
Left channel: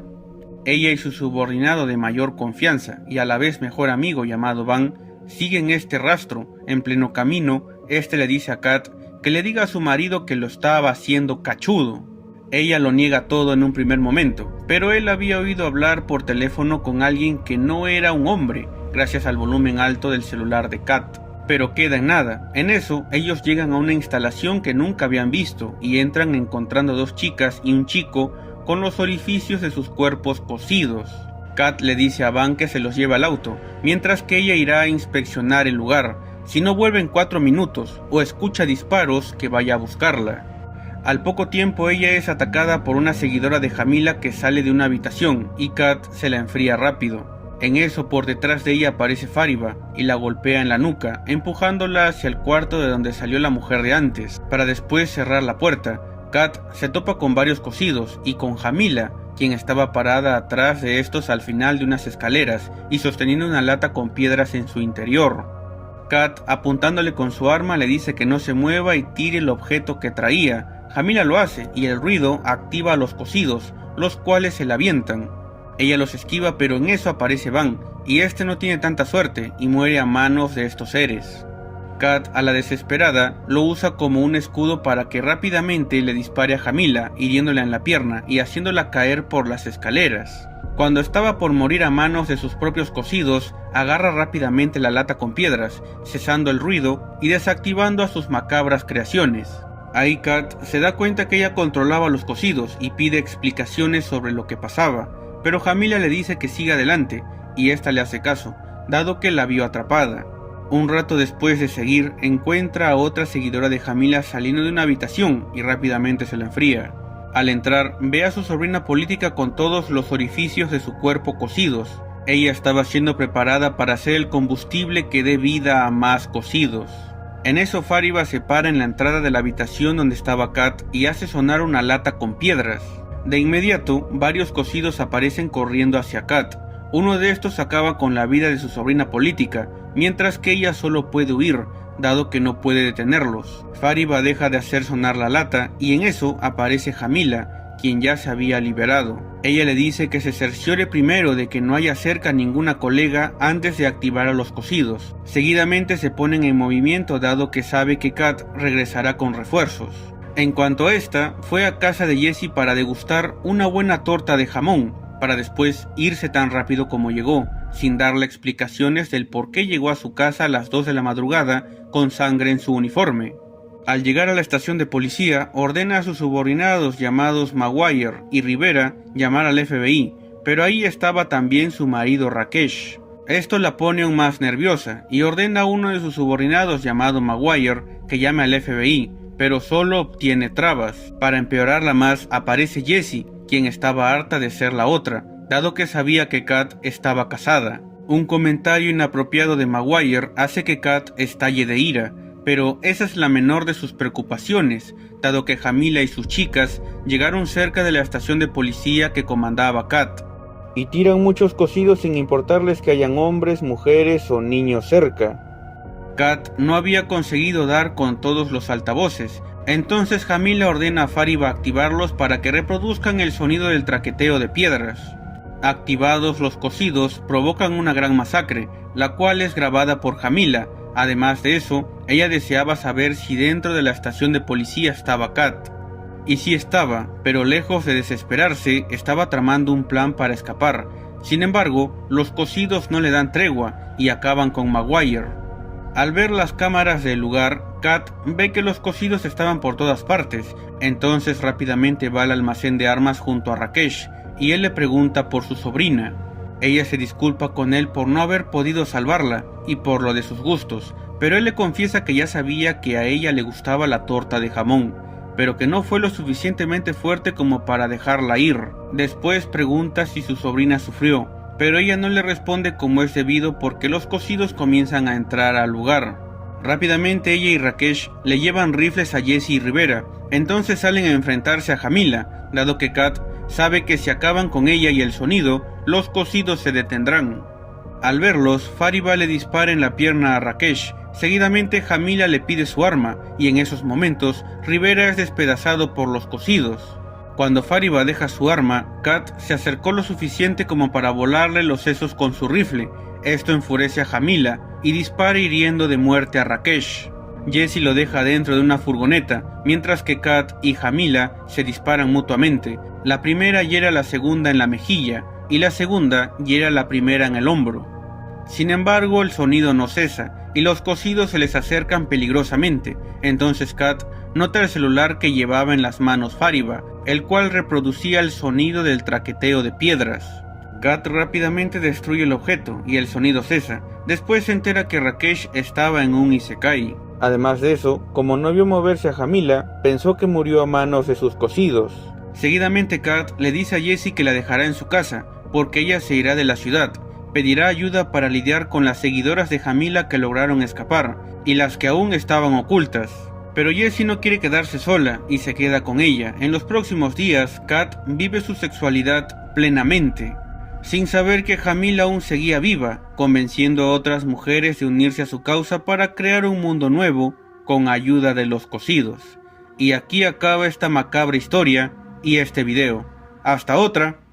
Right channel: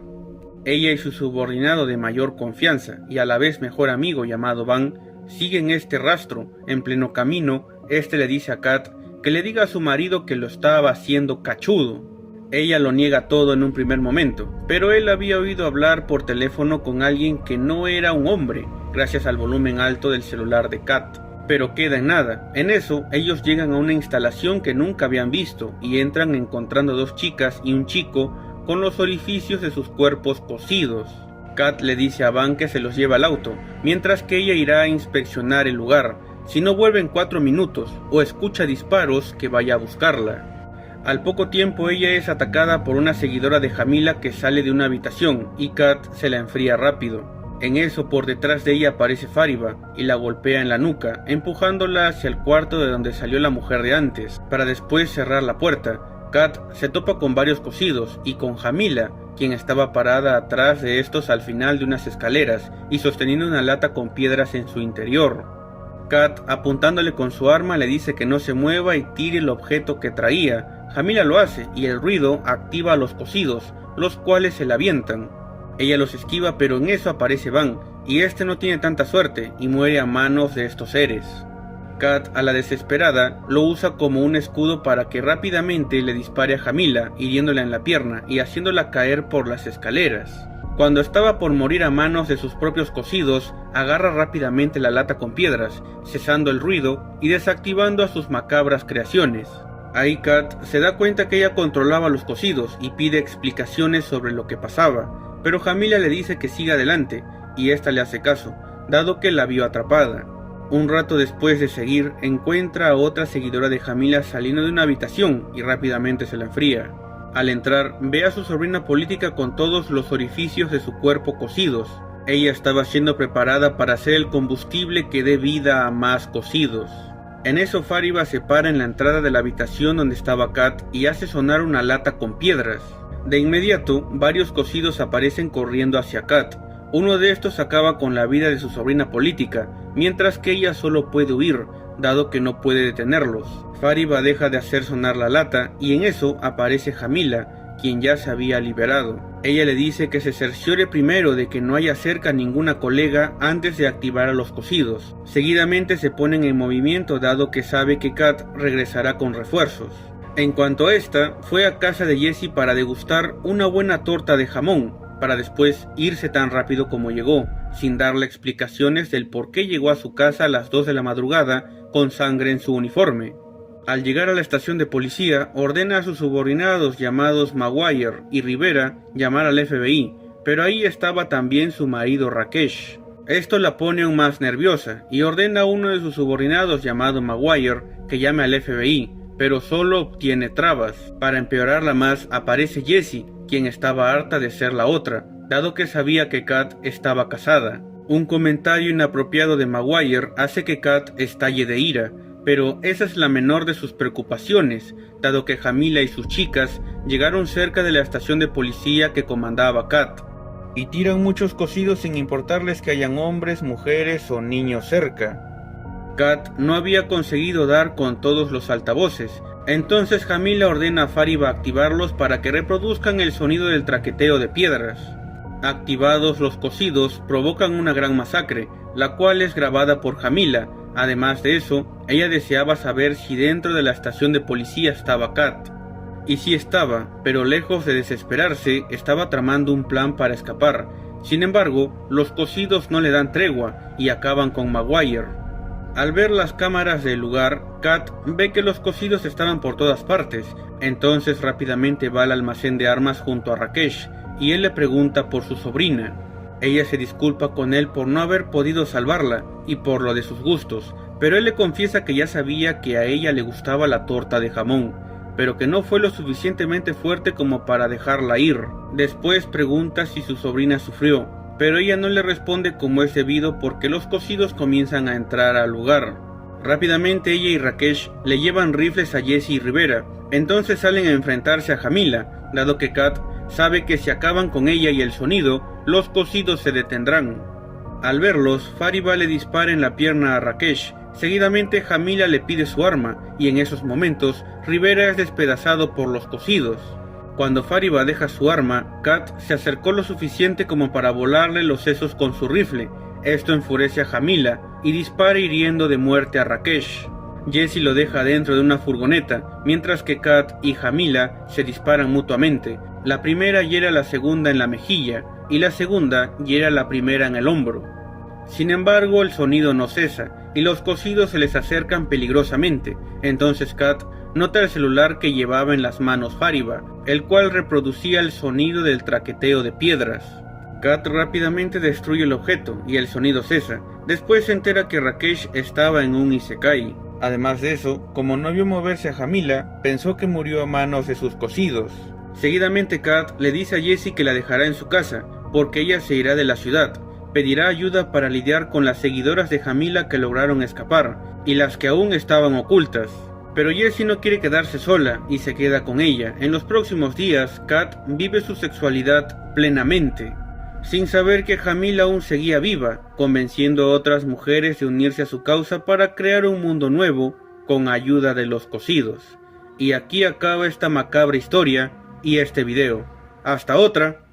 Ella y su subordinado de mayor confianza y a la vez mejor amigo llamado Van siguen este rastro. En pleno camino, este le dice a Kat que le diga a su marido que lo estaba haciendo cachudo. Ella lo niega todo en un primer momento, pero él había oído hablar por teléfono con alguien que no era un hombre, gracias al volumen alto del celular de Kat. Pero queda en nada. En eso, ellos llegan a una instalación que nunca habían visto y entran encontrando dos chicas y un chico con los orificios de sus cuerpos cosidos. Kat le dice a Van que se los lleva al auto, mientras que ella irá a inspeccionar el lugar. Si no vuelve en 4 minutos o escucha disparos, que vaya a buscarla. Al poco tiempo ella es atacada por una seguidora de Jamila que sale de una habitación y Kat se la enfría rápido. En eso, por detrás de ella aparece Fariba y la golpea en la nuca, empujándola hacia el cuarto de donde salió la mujer de antes, para después cerrar la puerta. Kat se topa con varios cosidos y con Jamila, quien estaba parada atrás de estos al final de unas escaleras y sosteniendo una lata con piedras en su interior. Kat, apuntándole con su arma, le dice que no se mueva y tire el objeto que traía. Jamila lo hace y el ruido activa a los cosidos, los cuales se la avientan. Ella los esquiva, pero en eso aparece Van, y este no tiene tanta suerte y muere a manos de estos seres. Kat, a la desesperada, lo usa como un escudo para que rápidamente le dispare a Jamila, hiriéndola en la pierna y haciéndola caer por las escaleras. Cuando estaba por morir a manos de sus propios cosidos, agarra rápidamente la lata con piedras, cesando el ruido y desactivando a sus macabras creaciones. Ahí Kat se da cuenta que ella controlaba los cosidos y pide explicaciones sobre lo que pasaba. Pero Jamila le dice que siga adelante, y ésta le hace caso, dado que la vio atrapada. Un rato después de seguir, encuentra a otra seguidora de Jamila saliendo de una habitación y rápidamente se la enfría. Al entrar, ve a su sobrina política con todos los orificios de su cuerpo cosidos. Ella estaba siendo preparada para ser el combustible que dé vida a más cosidos. En eso Fariba se para en la entrada de la habitación donde estaba Kat y hace sonar una lata con piedras. De inmediato, varios cosidos aparecen corriendo hacia Kat. Uno de estos acaba con la vida de su sobrina política, mientras que ella solo puede huir, dado que no puede detenerlos. Fariba deja de hacer sonar la lata y en eso aparece Jamila, quien ya se había liberado. Ella le dice que se cerciore primero de que no haya cerca ninguna colega antes de activar a los cosidos. Seguidamente se ponen en movimiento dado que sabe que Kat regresará con refuerzos. En cuanto a esta, fue a casa de Jessie para degustar una buena torta de jamón, para después irse tan rápido como llegó, sin darle explicaciones del por qué llegó a su casa a las 2 de la madrugada con sangre en su uniforme. Al llegar a la estación de policía, ordena a sus subordinados llamados Maguire y Rivera llamar al FBI, pero ahí estaba también su marido Rakesh. Esto la pone aún más nerviosa y ordena a uno de sus subordinados llamado Maguire que llame al FBI, pero solo obtiene trabas. Para empeorarla más, aparece Jessie, quien estaba harta de ser la otra, dado que sabía que Kat estaba casada. Un comentario inapropiado de Maguire hace que Kat estalle de ira, pero esa es la menor de sus preocupaciones, dado que Jamila y sus chicas llegaron cerca de la estación de policía que comandaba Kat, y tiran muchos cosidos sin importarles que hayan hombres, mujeres o niños cerca. Kat no había conseguido dar con todos los altavoces, entonces Jamila ordena a Fariba activarlos para que reproduzcan el sonido del traqueteo de piedras. Activados los cosidos provocan una gran masacre, la cual es grabada por Jamila. Además de eso, ella deseaba saber si dentro de la estación de policía estaba Kat. Y sí estaba, pero lejos de desesperarse, estaba tramando un plan para escapar. Sin embargo, los cosidos no le dan tregua y acaban con Maguire. Al ver las cámaras del lugar, Kat ve que los cosidos estaban por todas partes, entonces rápidamente va al almacén de armas junto a Rakesh, y él le pregunta por su sobrina. Ella se disculpa con él por no haber podido salvarla, y por lo de sus gustos, pero él le confiesa que ya sabía que a ella le gustaba la torta de jamón, pero que no fue lo suficientemente fuerte como para dejarla ir. Después pregunta si su sobrina sufrió, pero ella no le responde como es debido porque los cosidos comienzan a entrar al lugar. Rápidamente ella y Rakesh le llevan rifles a Jessie y Rivera, Entonces salen a enfrentarse a Jamila, dado que Kat sabe que si acaban con ella y el sonido, los cosidos se detendrán. Al verlos, Fariba le dispara en la pierna a Rakesh. Seguidamente Jamila le pide su arma, y en esos momentos Rivera es despedazado por los cosidos. Cuando Fariba deja su arma, Kat se acercó lo suficiente como para volarle los sesos con su rifle. Esto enfurece a Jamila y dispara hiriendo de muerte a Rakesh. Jesse lo deja dentro de una furgoneta, mientras que Kat y Jamila se disparan mutuamente. La primera hiere a la segunda en la mejilla, y la segunda hiere a la primera en el hombro. Sin embargo, el sonido no cesa, y los cosidos se les acercan peligrosamente. Entonces Kat nota el celular que llevaba en las manos Fariba, el cual reproducía el sonido del traqueteo de piedras. Kat rápidamente destruye el objeto, y el sonido cesa. Después se entera que Rakesh estaba en un isekai. Además de eso, como no vio moverse a Jamila, pensó que murió a manos de sus cosidos. Seguidamente Kat le dice a Jesse que la dejará en su casa, porque ella se irá de la ciudad. Pedirá ayuda para lidiar con las seguidoras de Jamila que lograron escapar, y las que aún estaban ocultas. Pero Jesse no quiere quedarse sola, y se queda con ella. En los próximos días, Kat vive su sexualidad plenamente, sin saber que Jamila aún seguía viva, convenciendo a otras mujeres de unirse a su causa para crear un mundo nuevo, con ayuda de los cosidos. Y aquí acaba esta macabra historia, y este video. Hasta otra.